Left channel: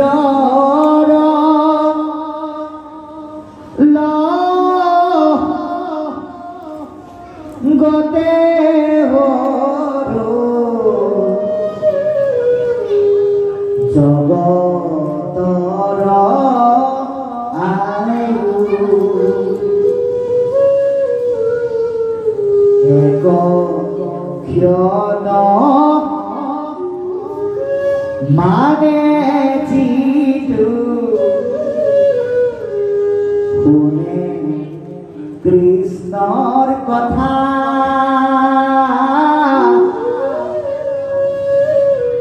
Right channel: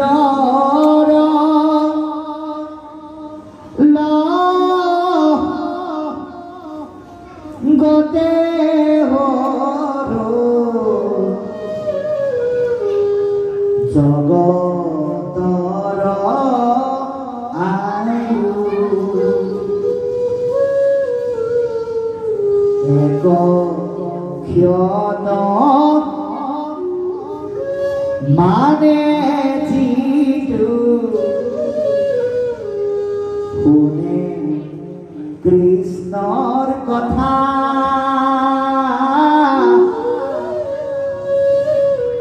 সূৰ্যৰ গতে জগতৰ আয়ু এক ক্ষণ মানে যিটো শুনে কৃষ্ণৰ কথা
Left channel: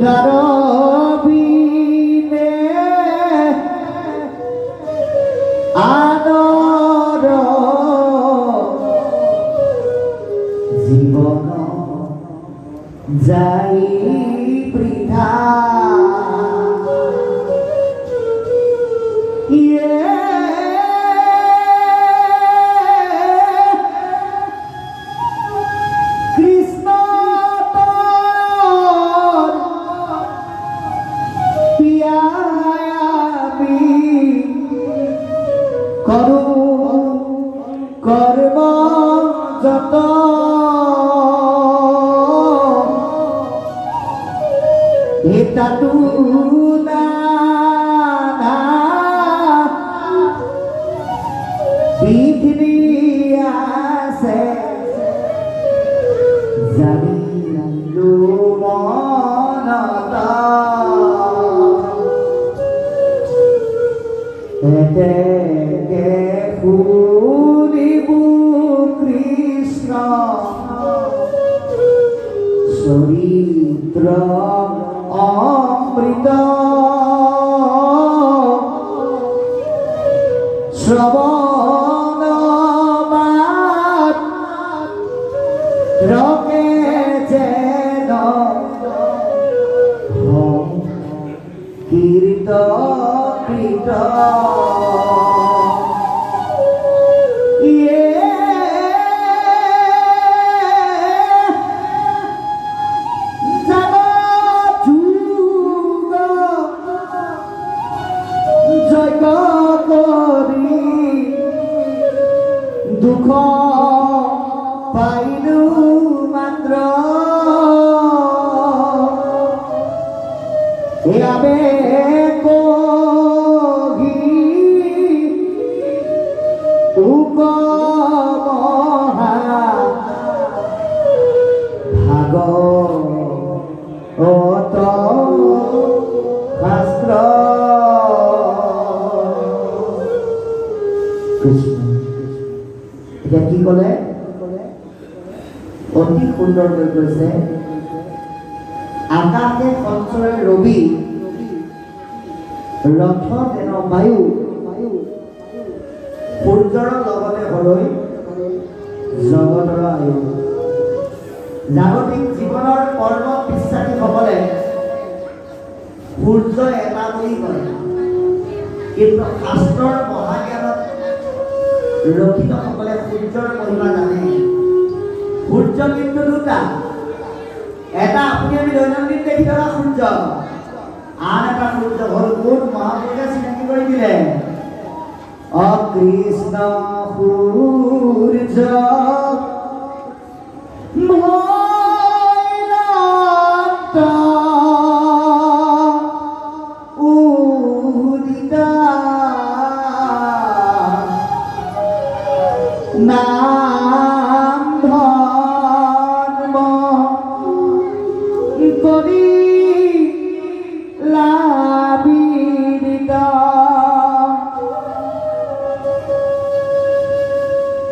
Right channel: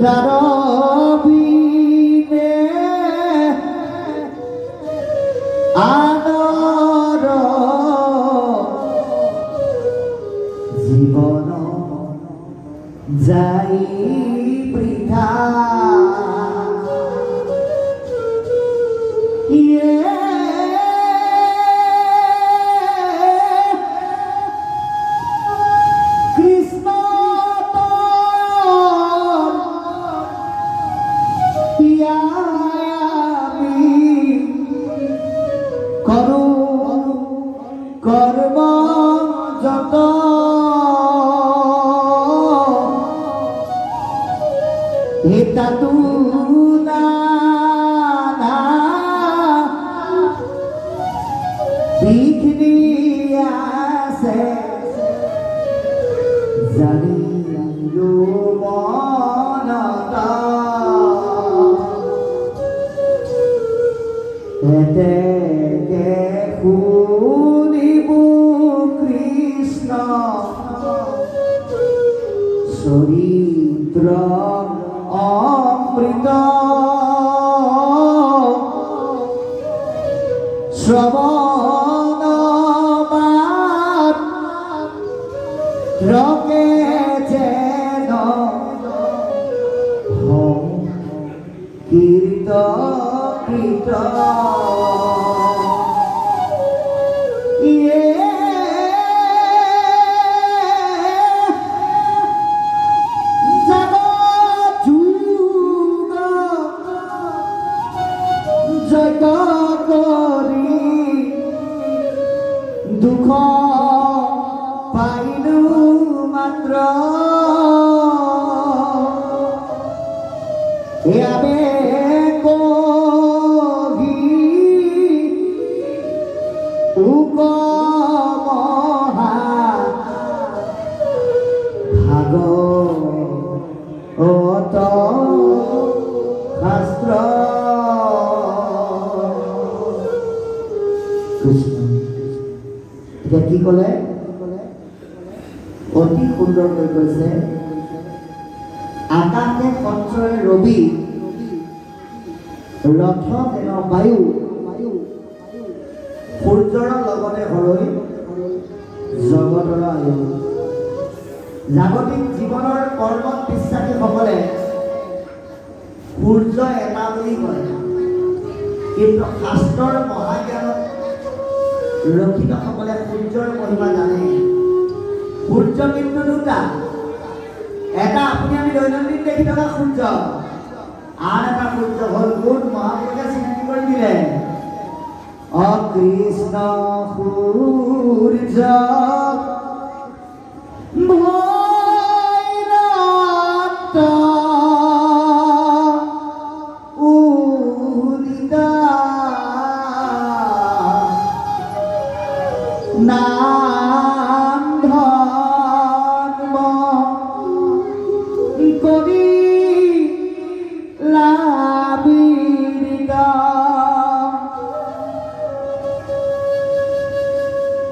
তাৰ বিনে আনৰ জীৱন যায় বৃথা কৰ্ম যত হেতাতু নানা পৃথিবী আছে জানিলো মনত এতে কৃষ্ণ চৰিত্ৰ অমৃত শ্ৰৱণ মাত্ৰকে যেন কীৰ্তকৃত দুখ পাইলো মাত্ৰ এয়াবে কহি উপমহা ভাগৱত শাস্ত্ৰ কৃষ্ণ এতিয়া কি ক'লে অতি সুন্দৰকৈ কৈছে আকাশে সঞ্চয় ৰবি ৰথ যেন বায়ু সূৰ্যৰ লগতে হৰৈ জগতৰ আয়ু জাগতিক জীৱনৰ কৰ্মত বিশ্বাসীসকলে সূৰ্য এটা বুলি কয় কিন্তু শাস্ত্ৰৰ মহাজ্ঞানত ৰক্ষিতসকলে সূৰ্যৰ মহিমা জানে সূৰ্য কিন্তু দুটা এটা আপুনি আমি দৈনন্দিন দেখি থকা সূৰ্য আন এটা সূৰ্য হ'ল কোন মহাপুৰুষে চিনাকি কৰি দিলে অকৃষ্ণ সূৰ্য নাম ধৰ্ম কৰি লাবিত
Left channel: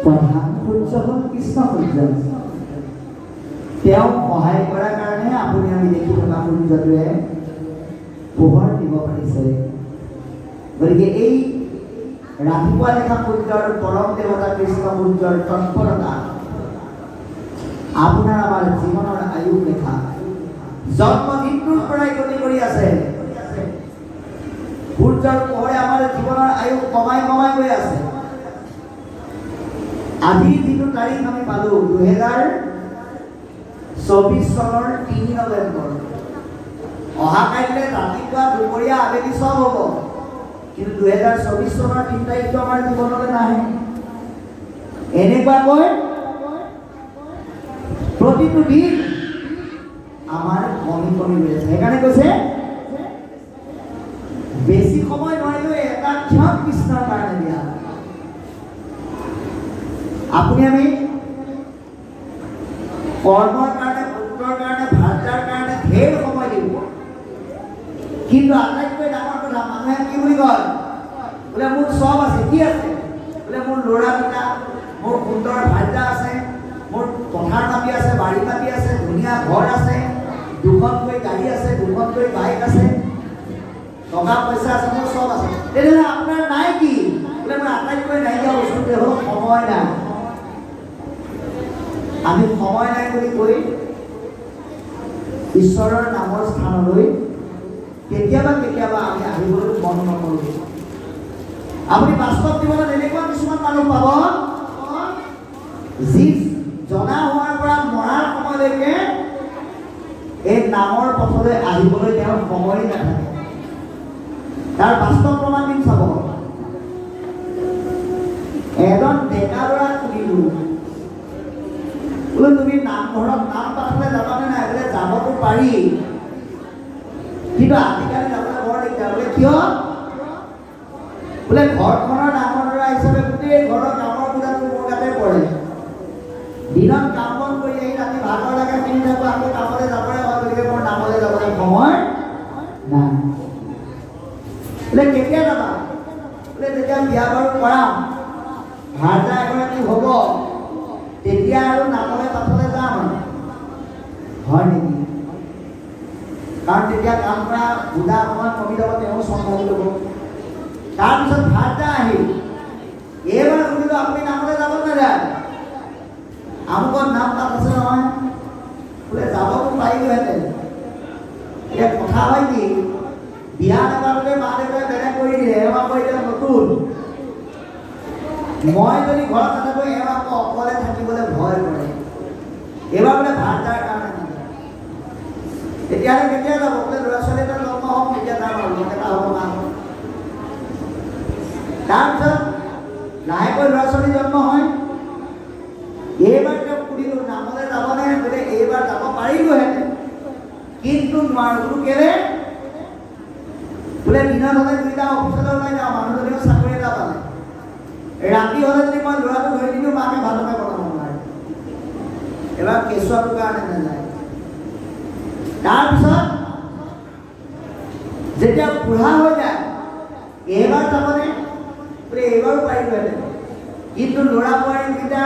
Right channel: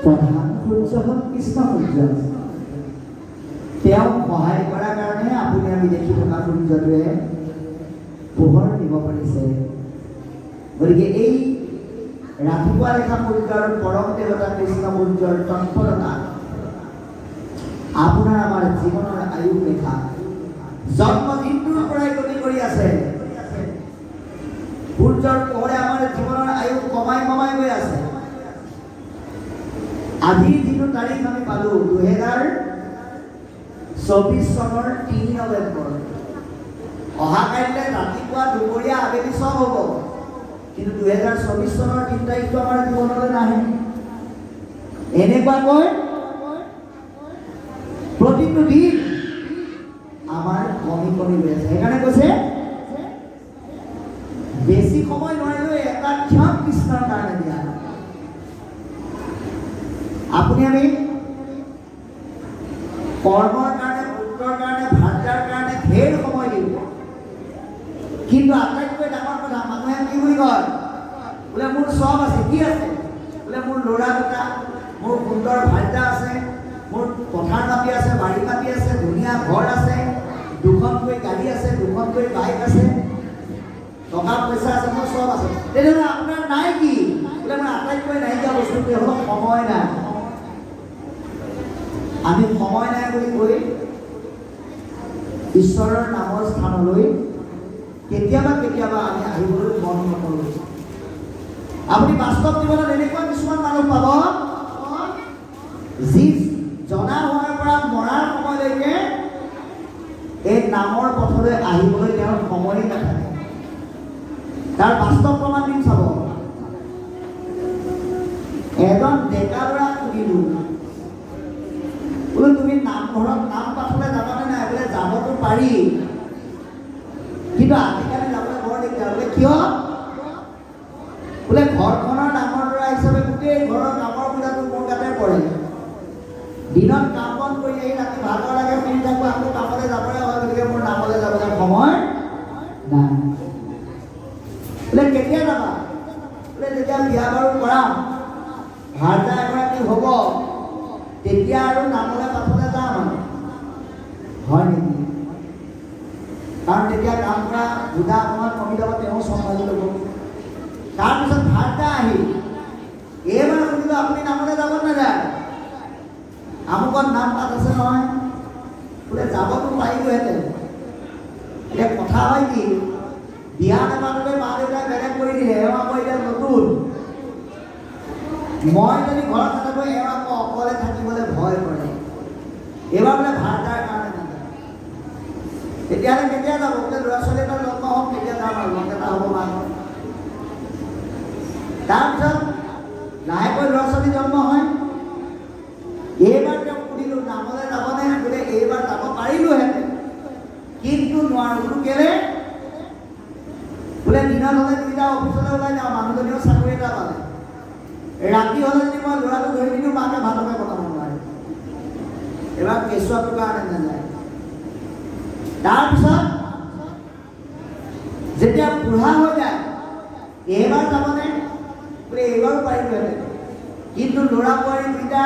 প্ৰধান সূৰ্য হল কৃষ্ণ সূৰ্য তেওঁ সহায় কৰাৰ কাৰণে আপুনি আমি দেখি থকা সূৰ্যটোৱে পোহৰ দিব পাৰিছে গতিকে এই ৰাতিপুৱা দেখা সূৰ্যৰ পৰম দেৱতা কৃষ্ণ সূৰ্যৰ তৎপৰতা আপোনাৰ আমাৰ জীৱনৰ আয়ু ৰেখা জন্মদিনটোৰ পৰাই গতি কৰি আছে সূৰ্যৰ পোহৰে আমাৰ জীৱনৰ আয়ু কমাই কমাই গৈ আছে আজি যিটো তাৰিখ আমি পালো 2024 চনৰ 3 নৱেম্বৰ অহাকাইলৈ ৰাতিপুৱা দুপৰীয়া আবেলি চব হ'ব, কিন্তু 2024 চনৰ 3 তাৰিখটো আমাৰ জীৱনলৈ নাহে। এনেকুৱাকৈ প্ৰতিটো দিন আমাৰ কমি কমি গৈ আছে। সেইকাৰণে কৈছে বেছি সময় নোৱাৰিলেও এটা ক্ষণ কৃষ্ণৰ কাৰণে দিয়া। আপুনি আমি কৰ্মৰ কাৰণে, পুত্ৰৰ কাৰণে, ভাৰ্যাৰ কাৰণে ঢেৰ সময় দিব, কিন্তু আটাইতকৈ ডাঙৰ কথা মানুহে কি বুলি কয়, বোলে মোৰ চব আছে। কি আছে? বোলে মোৰ ল'ৰা দুটা, মোৰ সুন্দৰ ভাৰ্যা আছে, মোৰ পথাৰ মাটি আছে, বাৰী মাটি আছে, ধুনীয়া ঘৰ আছে, দুখনকৈ গাড়ী আছে, দুখনকৈ বাইক আছে, টকা পইচা আছে, মোৰ চব আছে। তেনেহ'লে আপোনাৰ নাই কি? বোলে মোৰ আটাইতকৈ নাইকিয়া বস্তুটোৱে হ'ল সময় নাই। আমি সময় নাই বুলি কৈ ঈশ্বৰৰ নামৰ স্থানলৈ কেতিয়াবা কেতিয়াবা আমি আহিবলৈ মন নকৰোঁ। আপুনি বাস্তৱ জীৱনত এনেকুৱা কিছুমান মানুহ পাব, যি জনা হোৱাৰ পৰা মৰাৰ সময়লৈকে এই নামৰ পথলৈ আহিবলৈ তেওঁৰ সময় নাথাকে। তাৰ বাস্তৱ প্ৰমাণ দিম চাব। এজন ডেকা ল'ৰা সুধিলোঁ, বোলে তুমি নামঘৰত নাম পাঠলৈ যাবানে নাই? বোলে যাবতো পাৰি, কিন্তু আজিকালি যাবলৈ বৰ দিগদাৰ। বোলে কিয়? বোলে ঘৰখনৰ ডাঙৰ ল'ৰা হিচাপে গোটেই ঘৰৰ ডাঙৰ বুজাটো মোৰ গাতে পৰে। দিনত কাম বন কৰি আহি ৰাতি ভাগৰ লাগে, শুনি থাকোঁ, আকৌ কামলৈ যাবলৈ হয়, গতিকে মোৰ নামলৈ যাবলৈ সময় নাই। বোলে কেতিয়া যাবা? বোলে যেতিয়া বিয়া বাৰু কৰাম, ভাৰ্যা এগৰাকী হ'ব, তেতিয়া আৰু নামলৈ পাঠলৈ যাম আৰু। হয় নেকি? কাৰণ তেতিয়া কাম কৰা বুজা সময়ত কমি যাব, তেওঁ চম্ভালি ল'ব। তাৰপিছত ভাৰ্যা আহিল, এইবাৰ শুনিলোঁ আপুনি নামলৈ যাব নাযায়, আমুকত নাম তাত আছে নহয়। বোলে যাবতো পাৰিলোহেঁতেন। এতিয়া কথা হয় কি, বিয়া নাপাতোতে মা দেউতাই বেলেগ কৰি দিলে, এওঁ আকৌ এতিয়া নতুন। মই যদি ঘৰত নাথাকোঁ, এওঁ আকৌ অকলে থাকিবলৈ ভয় কৰে। এইবাৰ বোলে ভাৰ্যাৰ কাৰণে নাযায়। তেতিয়াহ'লে কেতিয়া যাব? বোলে ল'ৰা ছোৱালী এটা জন্ম হওক, তেতিয়া যাম আৰু মন এটা হ'ব মাকৰ। তাৰপিছত লাহেকৈ ল'ৰা ছোৱালী জন্ম হয়। এইবাৰ তেওঁক সুধিলোঁ নামলৈ যাবনে? বোলে এইবাৰ যাব পাৰিলোহেঁতেন, কিন্তু নোৱাৰোঁ। বোলো কেলে? বোলে দিনত হ'লে দুইটা অফিচলৈ ওলাই যাওঁ, মানুহজনীও চাকৰি এটা পালে। ৰাতি হ'লে যদি মই ল'ৰাটো ধৰি দিলোঁ, মাকে ভালকৈ বনাব নোৱাৰে। এবাৰ কেঁচুৱাটোৰ কাৰণে নাযায়। তাৰপিছত যেতিয়া বুঢ়া হৈ যায়, এইবাৰ যাবনে? বোলে এইবাৰো পাৰিলোহেঁতেন, কিন্তু ল'ৰা বোৱাৰী দুইটা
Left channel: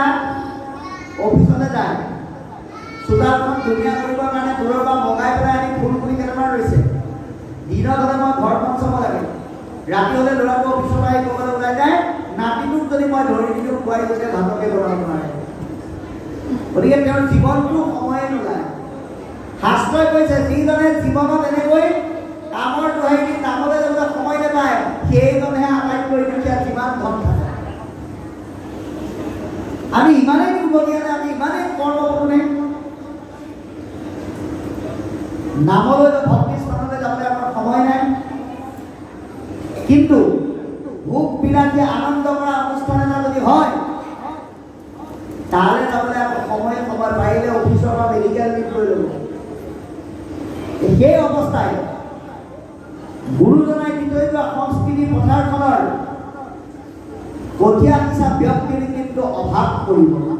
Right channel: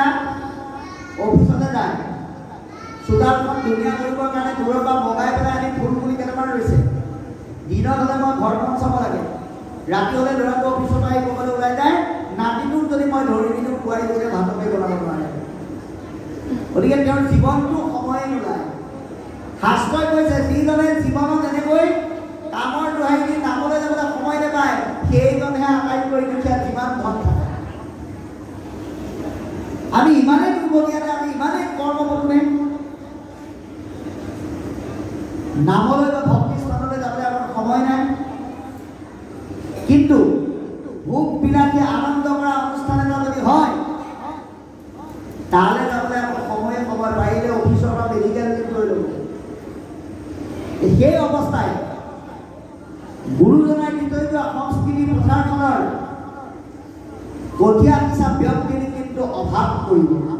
অফিচলৈ যায়। চোতালখন ধুনীয়া কৰিবৰ কাৰণে দূৰৰ পৰা বগাই পেলাই আনি ফুল পুলি কেইটামান ৰৈছে। দিনত হ'লে মই ঘৰখন চাব লাগে, ৰাতি হ'লে ল'ৰাটো অফিচৰ পৰা আহি ক'ৰবালৈ ওলাই যায়। নাতিটোক যদি মই ধৰি দিলোঁ, বোৱাৰী গোটেই ভাতকে বনাব নোৱাৰে। গতিকে তেওঁৰ জীৱনটো সময়ে নোলায়। শাস্ত্ৰই কৈছে, যিজনে জীৱনত এনেকৈ কামৰ দোহাই দি নামলৈ যাবলৈ সময় নাপায়, সেইজনেহে আটাইতকৈ দুখীয়া, যিমান ধন থাকে। আমি ইমানেই দুৰ্ভগীয়ানে, আমি ইমানেই কৰ্মপটুনে, নামলৈ বা ভক্তি স্থানলৈ যাবলৈ আমাৰ সময় নাই। কিন্তু ভোগ বিলাসী আনন্দ কৰা অনুষ্ঠান এটা যদি হয়, তালৈ যাবলৈ আকৌ সময় পাৰিলে অফিচৰ পৰা মেডিকেল লিভ লৈ ল'ব। সেই অৱস্থাই গুৰুজনাই দি থৈ যোৱা সংস্কৃতি পথাৰখনৰ কঠীয়া সিঁচা ব্যক্তিৰ কিন্তু অভাৱ কৰিব না।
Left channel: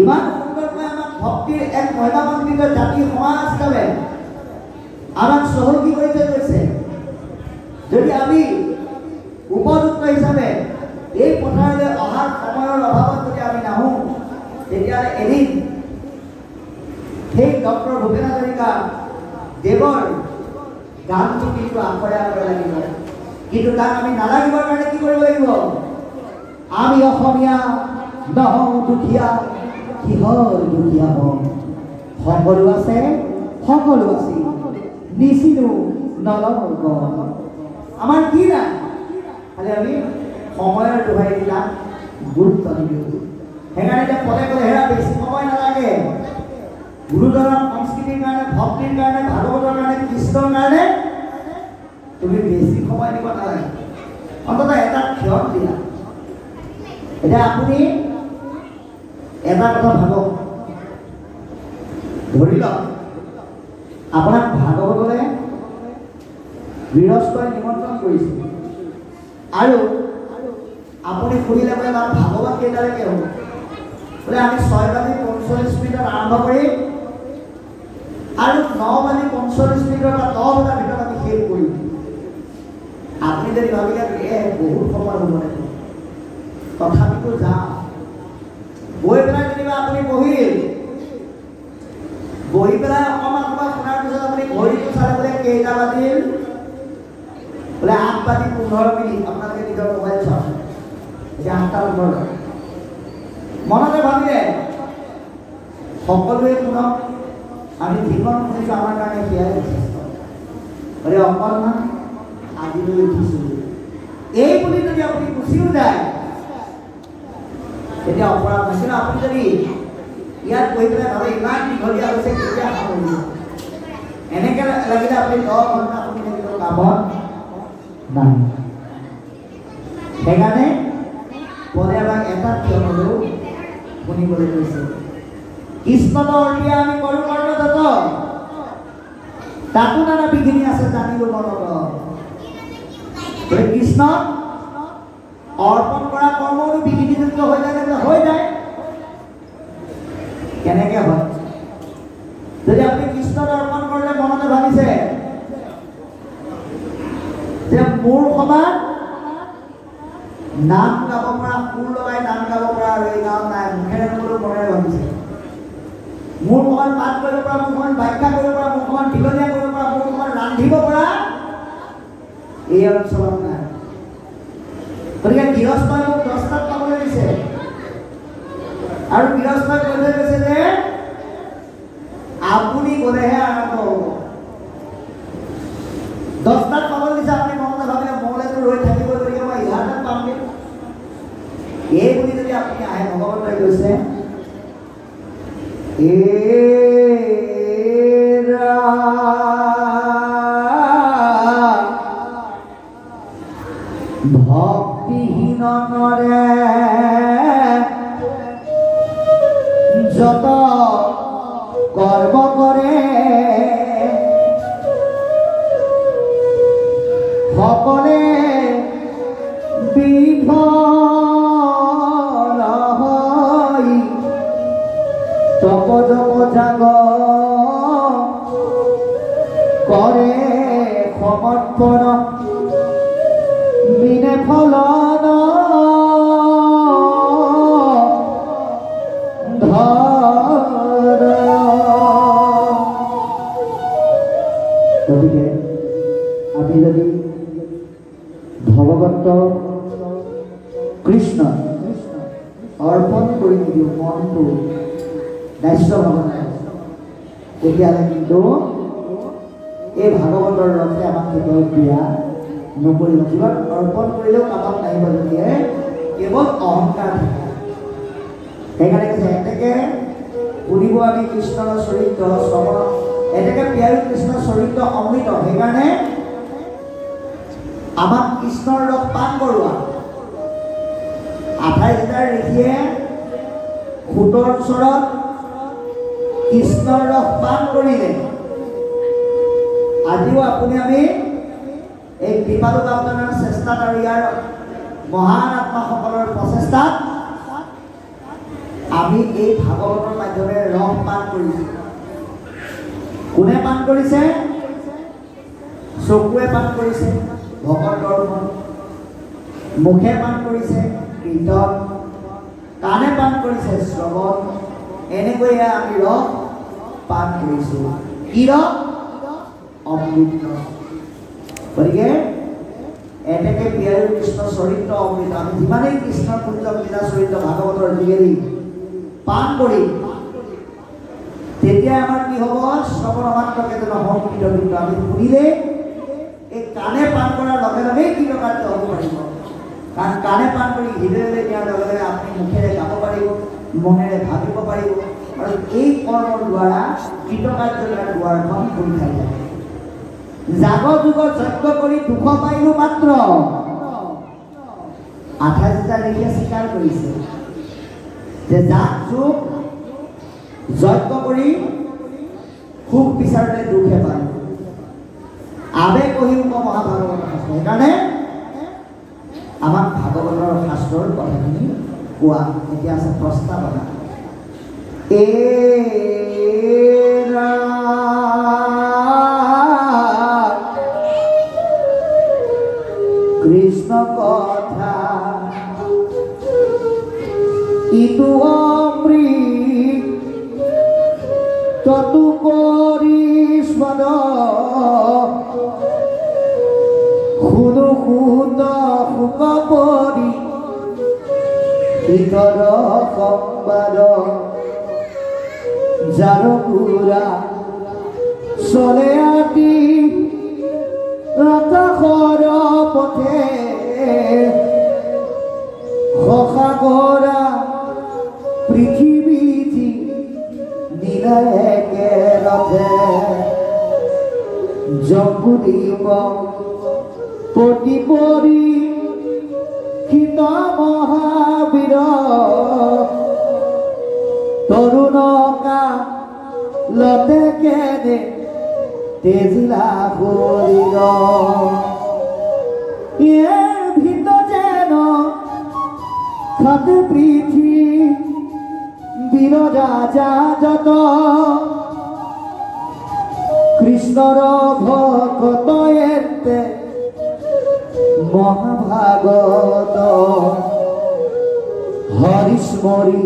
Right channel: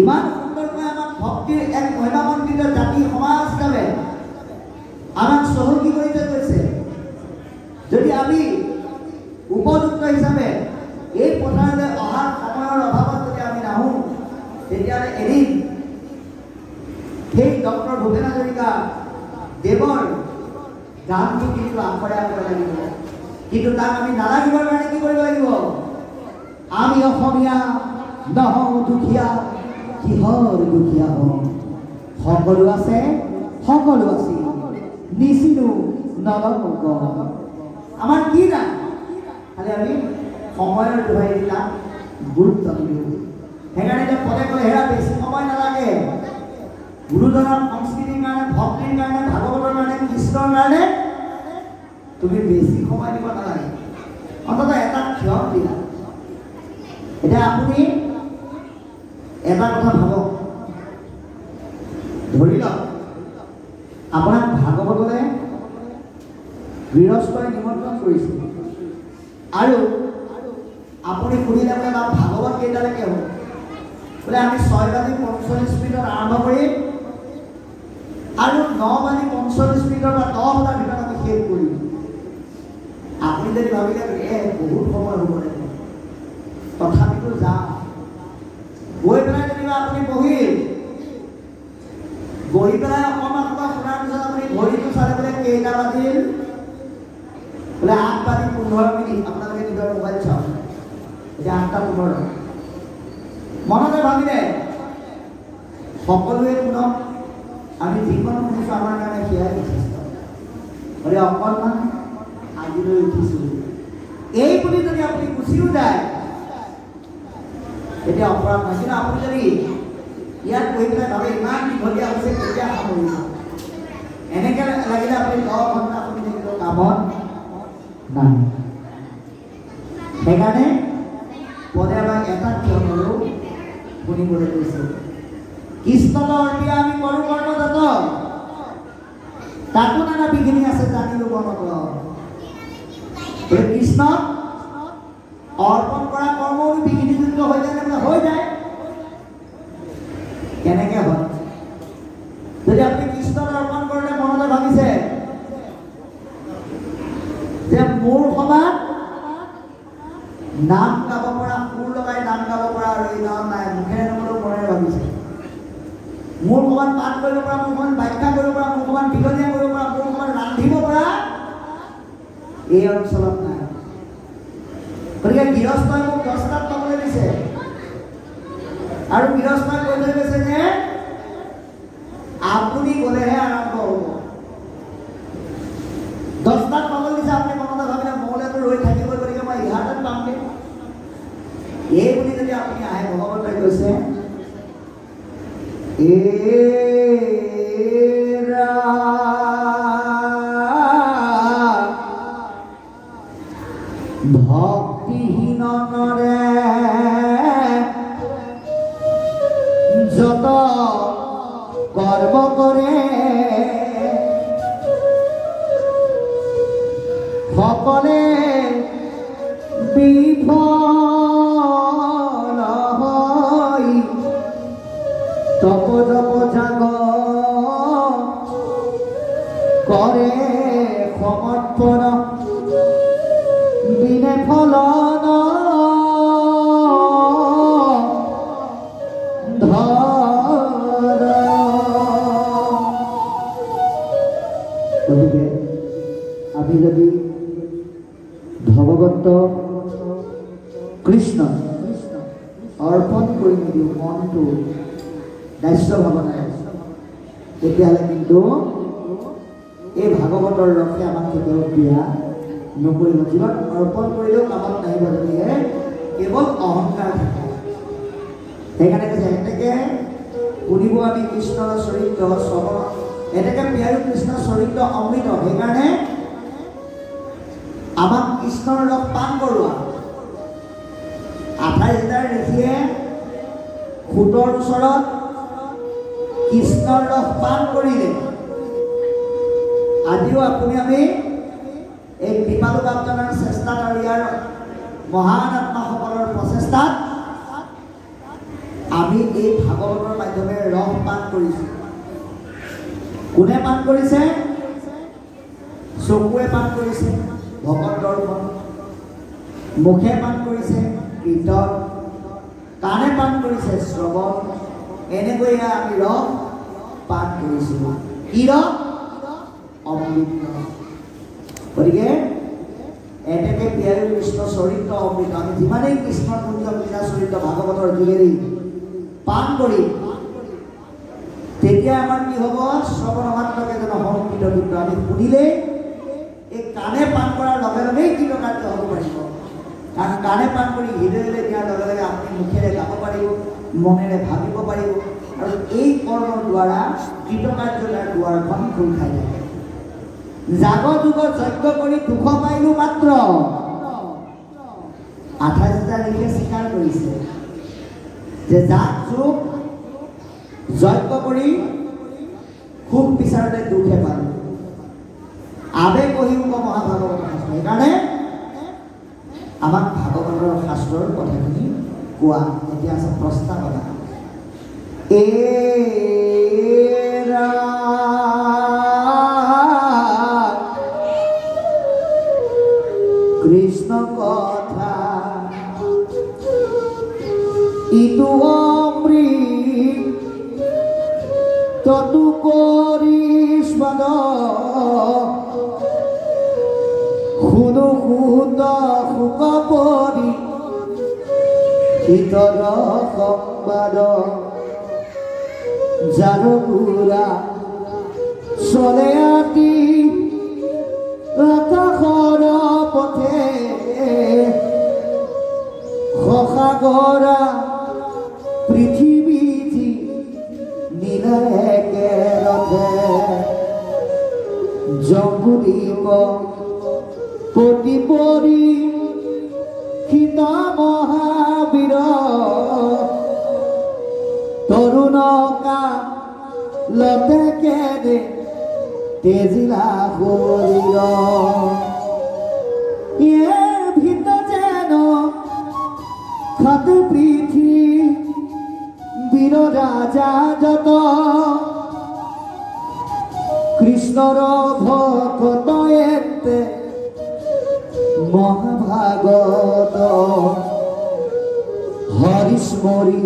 ইমান সুন্দৰকৈ আমাক ভক্তিৰ এক মহিমামণ্ডিত জাতি সমাজ হিচাপে আমাক চহকী কৰি থৈ গৈছে। যদি আমি উপযুক্ত হিচাপে এই পথাৰলৈ অহাৰ সময়ৰ অভাৱত যদি আমি নাহোঁ, তেতিয়াহ'লে এদিন সেই ডক্টৰ ভূপেন হাজৰিকা দেৱৰ গানটো কিন্তু আখৰে আখৰে লাগিব। কিন্তু তাক আমি নালাগিবৰ কাৰণে কি কৰিব লাগিব? আমি অসমীয়া নহওঁ দুখীয়া, কিহৰ দুখীয়া হওঁ? সকলো আছে, সকলো আছে, নিচিনো নলওঁ। আমাৰ কি নাই? খালি আমি সময়ৰ দোহাই বিলাক গুৰুত্ব নিদিওঁ। সেইকাৰণে এতিয়া পদে পদে হেৰা বেছি সময় নালাগে, গুৰুজনাৰ সংস্কৃতিৰ কাৰণে, ভক্তিৰ কাৰণে, ভাগৱতৰ কাৰণে, কৃষ্ণৰ কাৰণে তুমি বেছি সময় দিব নালাগে, অন্ততঃ এটা ক্ষণ দিয়া। এতিয়া আপুনি এটা কথা ভাবক, ধৰি লওক আপোনাক ভাগৱতলৈ গৃহস্থই নিমন্ত্ৰণ কৰিছে আৰু আপুনি শুনিলে বোলে ভাগৱত কেইটালৈকে হ'ব, বোলে আমি 6:45 আৰম্ভ কৰিম আৰু 9:45 বা 10 বজাৰ ভিতৰত আমি শেষ কৰিম। আপুনি যদি ভাবিলে বহুত সময় হ'ব লাগিব, তথাপিতো যাওঁ, গৈ পেলাই যেনিবা আপুনি বহি পেলাই অকণমান সময় শুনাৰ পিছত আপুনি ঘড়ীটো চালে বোলে কেইটা বাজিল, বোলে 8:15। আপোনালোকে নিজৰ মোবাইল চাওক, এতিয়া 8:15। মনতে ভাবিলে সকলোৱে শুনক, আমি যিখন শুনিছোঁ আমাৰ কাৰণে সেয়াই যথেষ্ট, গতিকে অকণমান আজিলৈ উঠিছোঁ এই বুলি যদি আপুনি গুচিও যায় এতিয়া অপৰাধ নাই। কিন্তু আপুনি যদি ইয়াত গৈ পেলাই ভাবে ইমান দীঘলীয়া হৈছে কেতিয়া সামৰিব, এনেকৈ লাগিলে আপুনি 10 ঘণ্টা শুনি থাকিলেও কামত নাই। সেইকাৰণে পদে আমাক এটা কিয় হ'লেও শুনিবলৈ কৈছে। কৃষ্ণৰ অৰ্থে আমি কৰো কৰ্ণদত্ত, তাতো নানা বিঘিনি আছে জানিলো মনত। কৃষ্ণ অৰ্পণ কৰা কৰ্মৰো বিঘিনিযুক্ত হৈ যায়। কেনেকে হয়? যদি আপুনি কৃষ্ণক অৰ্পণ কৰিলে মনতে ভাবিছে যে মোৰ সমান নাম গাব পৰা, সুৰ লগাই নাম গাব পৰা আৰু এই গাঁও নাই, মুখেৰে নগলেও মনেৰে ভাবিছে মোৰ সমান পাঠ কৰিব পৰা, মোৰ সমান ব্যাখ্যা কৰিব পৰা, মোৰ সমান দীঘলীয়া কৰিব পৰা, মোৰ সমান ৰান্ধিব পৰা এই অঞ্চলত নাই। গতিকে গৃহস্থই মোক দস্তাত পাবলৈ দিছে আৰু গৃহস্থই কৈ থৈ গৈছে যে আপুনি গ'লেহে আৰম্ভ হ'ব। দস্তাত পাবলৈ দিছে, আপুনি মনতে ভাবিলে মলেতো ৰৈ থাকিব, গতিকে মই 11টাত পামগে এই বুলি যদি আপুনি আহে, ভগৱন্তই কৈছে ভক্তিহীন নৰে যত কৰ্ম কৰে সকলে বিফল হয়, তপ জপ জাগ কৰে সমৰ্পণ বিনে ফলন ধৰ। গতিকে আমি যদি ভগৱন্ত কৃষ্ণ অৰ্পণ কৰি নিদিওঁ মনটো দাস্য ভাৱনাৰে, তেতিয়াহ'লে কিন্তু এই ভাগৱতৰ ৰসে আমাক কেতিয়াও ক্ৰিয়া নকৰিব। জীৱন অৰ্পণ কৰিলেও কামত নাহিব, যদিহে কেৱল অহংকাৰ থাকে। সেইকাৰণে কৈছে এনেকে শুনিব আমি কৃষ্ণৰ চৰিত্ৰ শ্ৰৱণ, এনেকে প্ৰিয়াৰু কৃষ্ণৰ চৰিত্ৰ অমৃত। সেইকাৰণে আমাক কৃষ্ণৰ ৰস পান কৰোৱা। 28টা ঋষিয়ে খুঁটৰ ওচৰত কৃষ্ণৰ ৰস পান কৰিলে। আজিও আপুনি আমি এই কৃপালু বাপজনাৰ চেষ্টাত আৰু ইয়াৰ মহান আত্মাসকলৰ প্ৰচেষ্টাত আমি এই ভাগৱতৰ মাধ্যমেৰে ৰস পান কৰিছোঁ। কোনে পান কৰিছে? চকুৱে পান কৰিছে ভগৱত দৰ্শন, মুখে পান কৰিছে কীৰ্তন, কাণে পান কৰিছে শ্ৰৱণ। এনেকৈয়ে আমি ৰস পান কৰিছোঁ। কি ৰস? অমৃত। গতিকে এনেকে প্ৰিয়াৰু কৃষ্ণ চৰিত্ৰ অমৃত আমি যিমানেই কৃষ্ণৰ পুঞ্জ লীলা চৰিত্ৰ ভাগৱতৰ যোগেদি পান কৰি, তেতিয়া আমাৰ কি হ'ব? শ্ৰৱণ মাত্ৰকে যেন সংকৃত, কিন্তু আমি শুনিলে এই কাণে পান কৰাৰ লগে লগেই কৃতকাৰ্য হ'ব পাৰিব। কাৰণ কাণে পান কৰি হৃদয়লৈ দিয়াৰ লগে লগে আপুনি মুখেৰে গাব পাৰিব, মনেৰে ভাবিব পাৰিব, আৰু এই কৰ্মৰ দ্বাৰা কৃতকাৰ্যতাৰ দুৱাৰখন খোল খাই যায়। যাগ যুগ যজ্ঞ কৰি দুখ পাইলো মাত্ৰ 28 ৰিষিয়ে স্বীকাৰ কৰিছে যে যাগ যুগ যজ্ঞ কৰি সুখ বিচাৰোতে দুখে পালো। আবেগ অহিংস মহাভাগৱত শাস্ত্ৰ। সেইকাৰণে আমাক ভাগৱতৰ শাস্ত্ৰৰ কথাখিনি কোৱা। এতিয়া আছে প্ৰস্তাৱনা। কৃষ্ণ কথা ইটো অমৃত ততু পৰিস্বাদ শুনো শুত সুখ পৰি ইতৰ সংবাদ যাৰ পুৰা চলে আতি আকাশৰ পথে সসাগৰা পৃথিৱী নীলায় একেলগে জম্বুদ্বীপ পতি পৰি শীত মহাবীৰ তৰুণকা লতে কেনে তেজিলা শৰীৰ ভিত যেন খাতে পৃথিৱীৰ ৰাজা যত কৃষ্ণৰ ভকত এতে মহাভাগত হৰিস্মৰি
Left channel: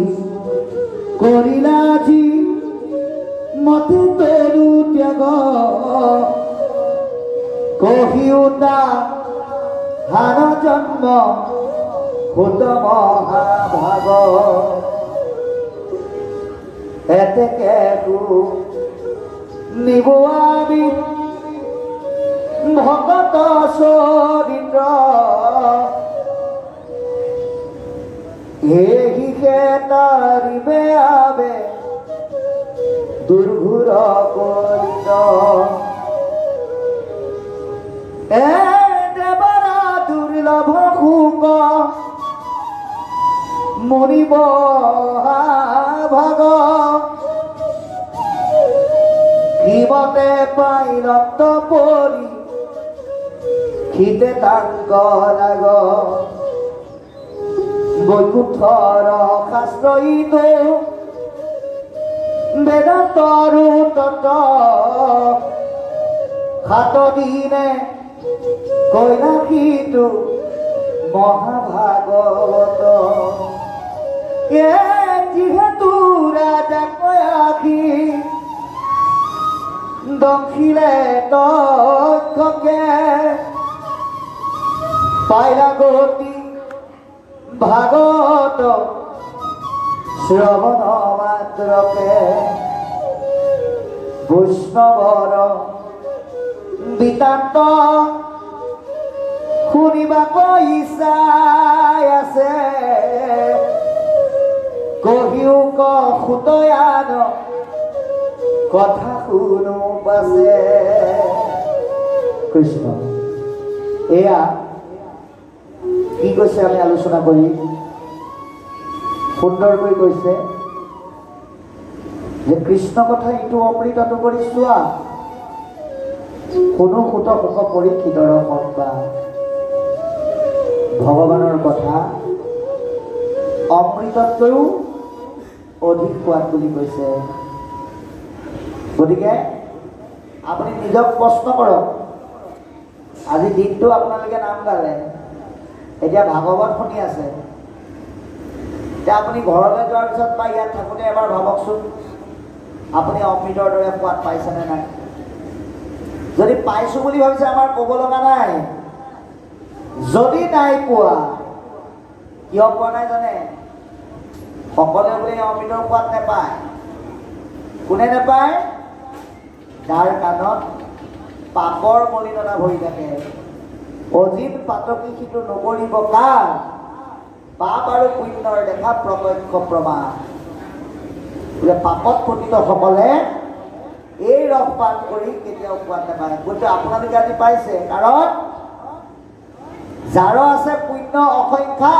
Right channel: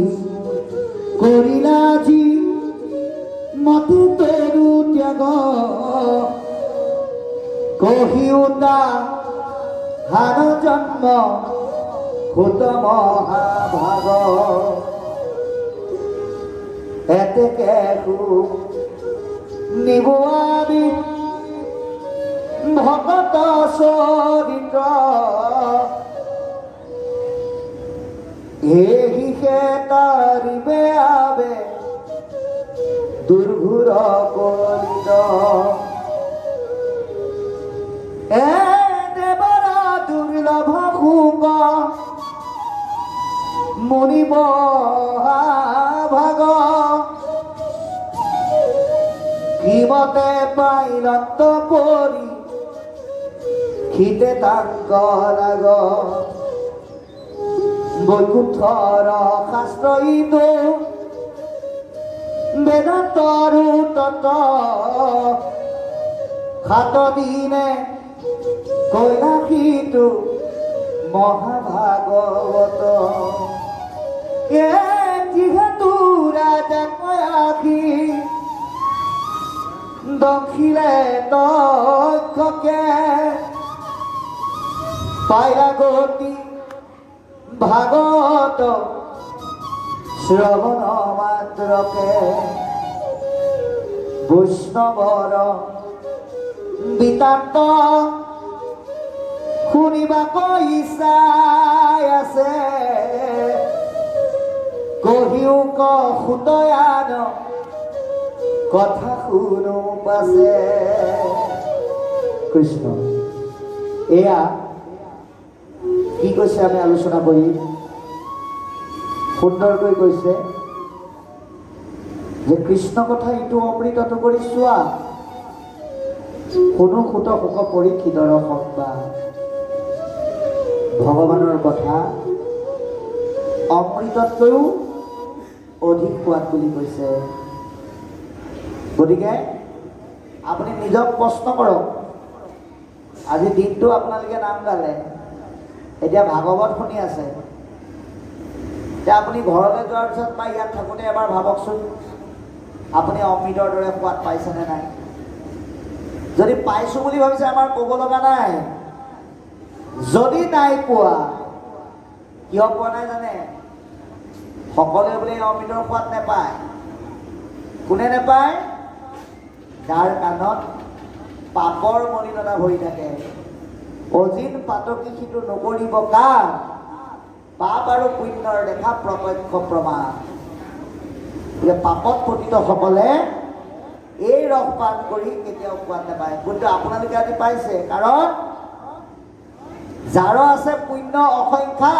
কৰিলা যি মতে তৰু ত্যাগ কহিউতা হান জন্ম সুত মহাভাগ এতেকে নিবুৱাবি ভগত চৰিত্ৰ এহি তাৰিবে আবে দুৰ্ঘুৰ কৰিত এ দেৱৰা দুৰ্লভ সুখ মৰিব ভাগ কিমতে পাই ৰক্ত পৰি খিতে তাংক ৰাগ বৈকুণ্ঠৰ শাস্ত্ৰইত বেদান্তৰো তত সাত দিনে কৈলাসীটো মহাভাগৱত যিহেতু ৰাজা কয়াসী দক্ষিণে তক্ষকে পাইলা গতি ভাগৱত শ্ৰৱণ মাত্ৰকে বৈষ্ণৱৰ বিতান্ত শুনিবাক ইচ্ছাই আছে কহিও সুতয়ান কথা শুনো পাছে। কৃষ্ণ এয়া কি কৈছে আমি আলোচনা কৰি সুন্দৰকৈ কৈছে যে কৃষ্ণ কথা ইটো অমৃত কৰি চোৱা কোনো সুত সুখ পৰীক্ষিতৰ সংবাদ ভগৱানৰ কথা অমৃততকৈও অধিক সোৱাদ বুলি কৈছে। গতিকে আপুনি নিজক প্ৰশ্ন কৰক। আজি দিনটো আপোনালোকে নাম গালে, এতিয়া ভাগৱত শুনি আছে, এতিয়া আপুনি ঘৰলৈ যোৱাৰ পিছত বা ইয়াত থাকোঁতে এবাৰ ভাবকচোন আপুনি অমৃতৰ দৰে সোৱাদ পাইছেনে নাই। যদি পাইছো বুলি ভাবিছে আমাৰ ক'ব লগা নাই। যদি নাই পোৱা কিয় পোৱা নাই জানে? সকলোৱে বোলে অমৃতৰ সোৱাদ নেপায়। কোনে নেপায়? যাৰ কাণত পাপৰ মলিনতা ভৰি থাকে। অজিত পাতকি সিটো নকৰিব কাৰ? পাপ আৰু পুণ্যৰ দেখা প্ৰত্যক্ষ প্ৰমাণ। বোলে পাপত পতিত সকলে এই ৰস পান কৰি কেতিয়াও পোৱা নাপায়। কিন্তু আপোনালোকে আজি পাইছে, কাৰণ যাৰ আছে পুণ্য অসংখ্যা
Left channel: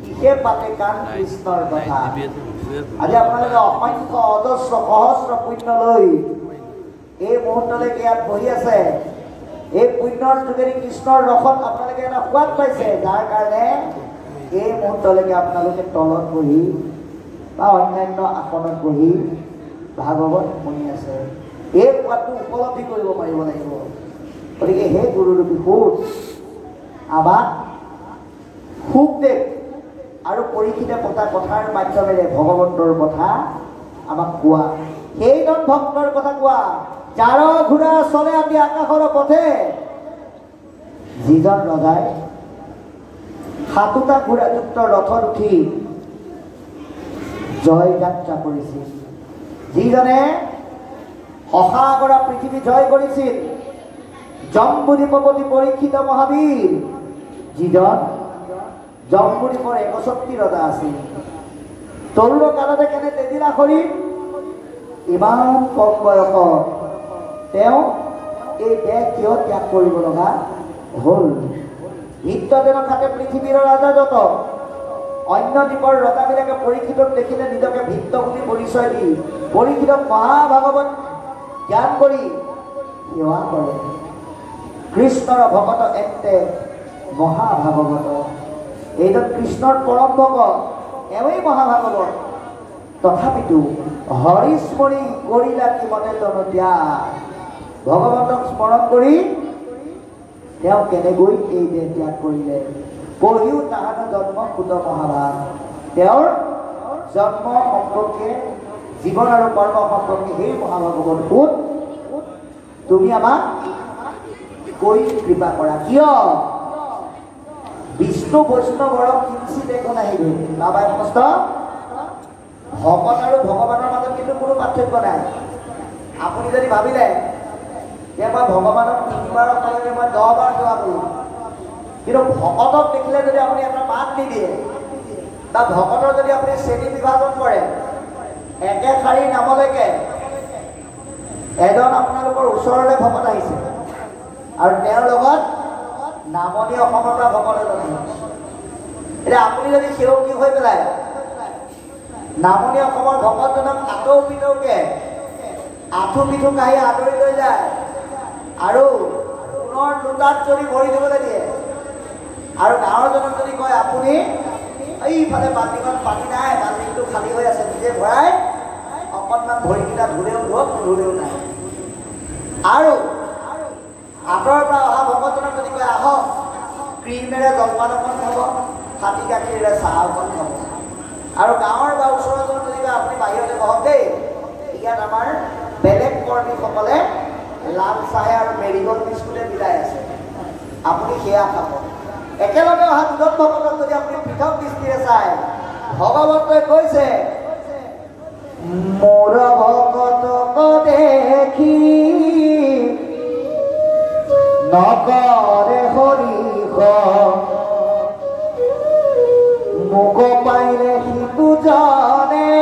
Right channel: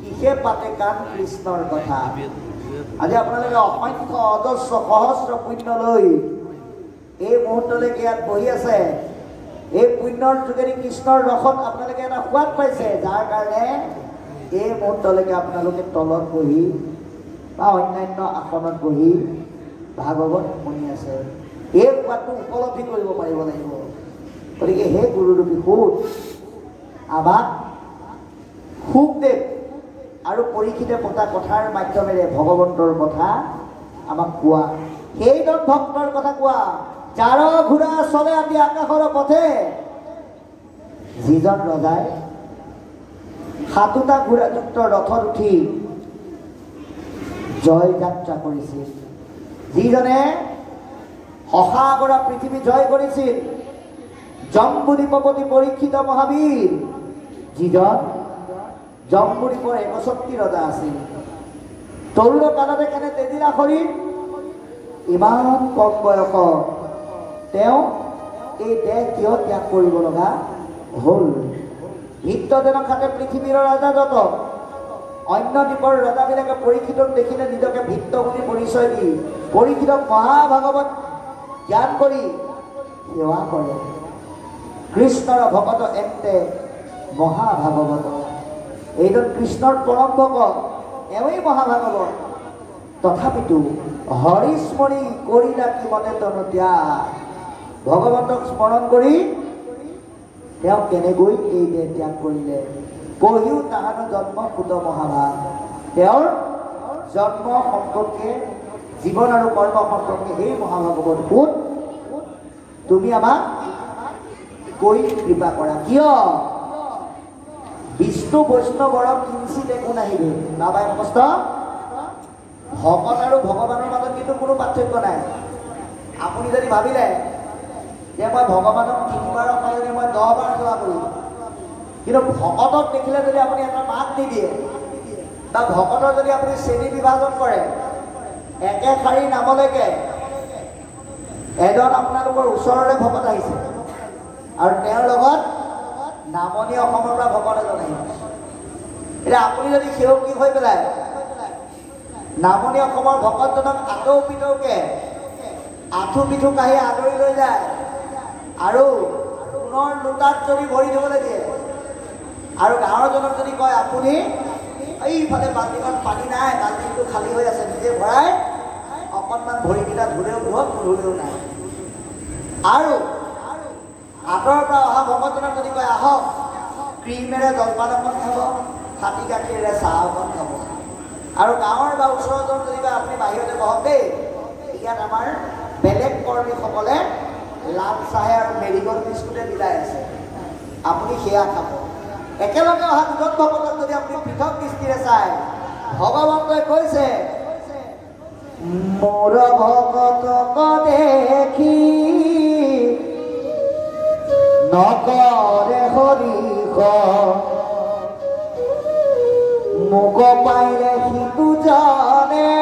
সিহে পাতে কাণ কৃষ্ণৰ কথা। আজি আপোনালোকে অসংখ্য অজস্ৰ সহস্ৰ পুণ্য লৈ এই মুহূৰ্তলৈকে ইয়াত বহি আছে। এই পুণ্যৰ যোগেদি কৃষ্ণৰ ৰসত আপোনালোকে এটা সোৱাদ পাইছে, যাৰ কাৰণে এই মুহূৰ্তলৈকে আপোনালোকে তলত বহি বা অন্যান্য আসনত বহি ভাগৱত শুনি আছে। এই সোৱাদটো উপলব্ধি কৰিব পাৰিব লাগিব। গতিকে হে গুৰুৰূপী সুত, আমাক সুখদেৱ আৰু পৰীক্ষিতে পতা কথাৰ মাধ্যমেৰে ভগৱন্তৰ কথা আমাক কোৱা, সেইজন ভক্তৰ কথা কোৱা, যাৰ ঘোঁৰা চলে অতি আকাশৰ পথে, যিজন ৰজাই 7টা ঘোঁৰাযুক্ত ৰথত উঠি জয় যাত্ৰা কৰিছিল, যিজনে সসাগৰা পৃথিৱী জয় কৰিছিল, জম্বুদ্বীপপতি পৰীক্ষিত মহাবীৰ, যিজন জম্বুদ্বীপৰ 61 ৰজা আছিল। তৰুণ কালতে কেনে তেজিলা শৰীৰ, ইমান কম বয়সত তেওঁ এই দেহ কিয় ত্যাগ কৰিব লগা হ'ল? নিত্যজনক খাতে পৃথিৱীৰ ৰাজাজত অন্য দ্বীপৰ ৰজাবিলাকে পৰীক্ষিতক দেখিলে নিজকে ভিত্ত বুলি পৰিচয় দি পৰীক্ষিতক মহাভাগৱত জ্ঞান কৰি সেৱা কৰে। কৃষ্ণৰ ভকত এতে মহাভাগৱত, এইজন কৃষ্ণৰ পৰম ভকত, এওঁই মহাভাগৱত। তথাপিতো হৰিস্মৰি কৰিলা কি মনে তনতীয়া, ভগৱন্তক স্মৰণ কৰি তেওঁ কেনেকৈ এই দেহ ত্যাগ কৰিলে। পঢ়িও তাহাঁতৰ জন্ম সুত মহাভাগ, তেওঁৰ জন্ম সম্পৰ্কে, জীৱন আৰু কৰ্ম সম্পৰ্কে সেই মহাভাগৱত সুত তুমি আমাক কৈ কৃপা কৰা। কিয়? বিষ্ণু বৈষ্ণৱৰ কিঞ্চিত একো নাহিব। নাপায় কষ্ট, ভকত আৰু ভগৱানৰ মাজত কিন্তু কোনো পাৰ্থক্য নাই। আপুনি যদি ভাবিলে যে মই ভগৱানক 3বাৰৰ সলনি মই 10 বাৰ সেৱা কৰিম, কিন্তু ভকতক দেখিলে যদি আপুনি এটা মাত নিদিয়ে বা ভকতৰ যদি আপুনি শ্ৰেণী বিভাজন কৰে, একে শাৰী নামলৈকে এজন আপোনালোকৰ ওচৰলৈ ভকত আহিছে আৰু তেওঁৰ লগত নামনি অসমৰ পৰা ভকত এজন আহিছে। এতিয়া আপুনি যদি সেৱকী হৈ পেলাই নামনি অসমৰ ভকতজনক আঁতৌ পিতৌকে আঁঠু পিঠু কাঢ়ি আদৰি লৈ যায় আৰু পুনৰ লোটাত যদি ভৰি দিবলৈ দিয়ে, আৰু গাঁৱৰজনক যদি কয় আপুনি এইফালে বাল্টিখন পানী নাই, বাল্টিটো খালী হৈ আছে, নিজে ভৰাই অকণমান ভৰিকেইটা ধুলেও ধুৱক, নুধুলেও নাই, আৰু আঁতৰৰ পৰা অহা ভকতজনক যদি কয় আহক ক্ৰীমেৰে জলপান অকণ খাব, খাটি গাখীৰেৰে চাহ অকণ খাব, আৰু গাঁৱৰ বা ওচৰৰজন যদি কয় আপুনি বাহিৰতে বহক দেই, ইয়াত আমাৰ বেলেগ কৰ্মীসকলে লাল চাহে আৰু মেৰিগোল্ড বিস্কুটে বিলাই আছে, আপুনি সেয়া খাব। একেলগে অহা দুজন ভকতক যদি আপুনি পৃথক দৃষ্টিৰে চাই, ভগৱন্তই কৈছে মোৰ ভকতক দেখি নকৰে হৰিষ, মোক পাইলে সিটো জানে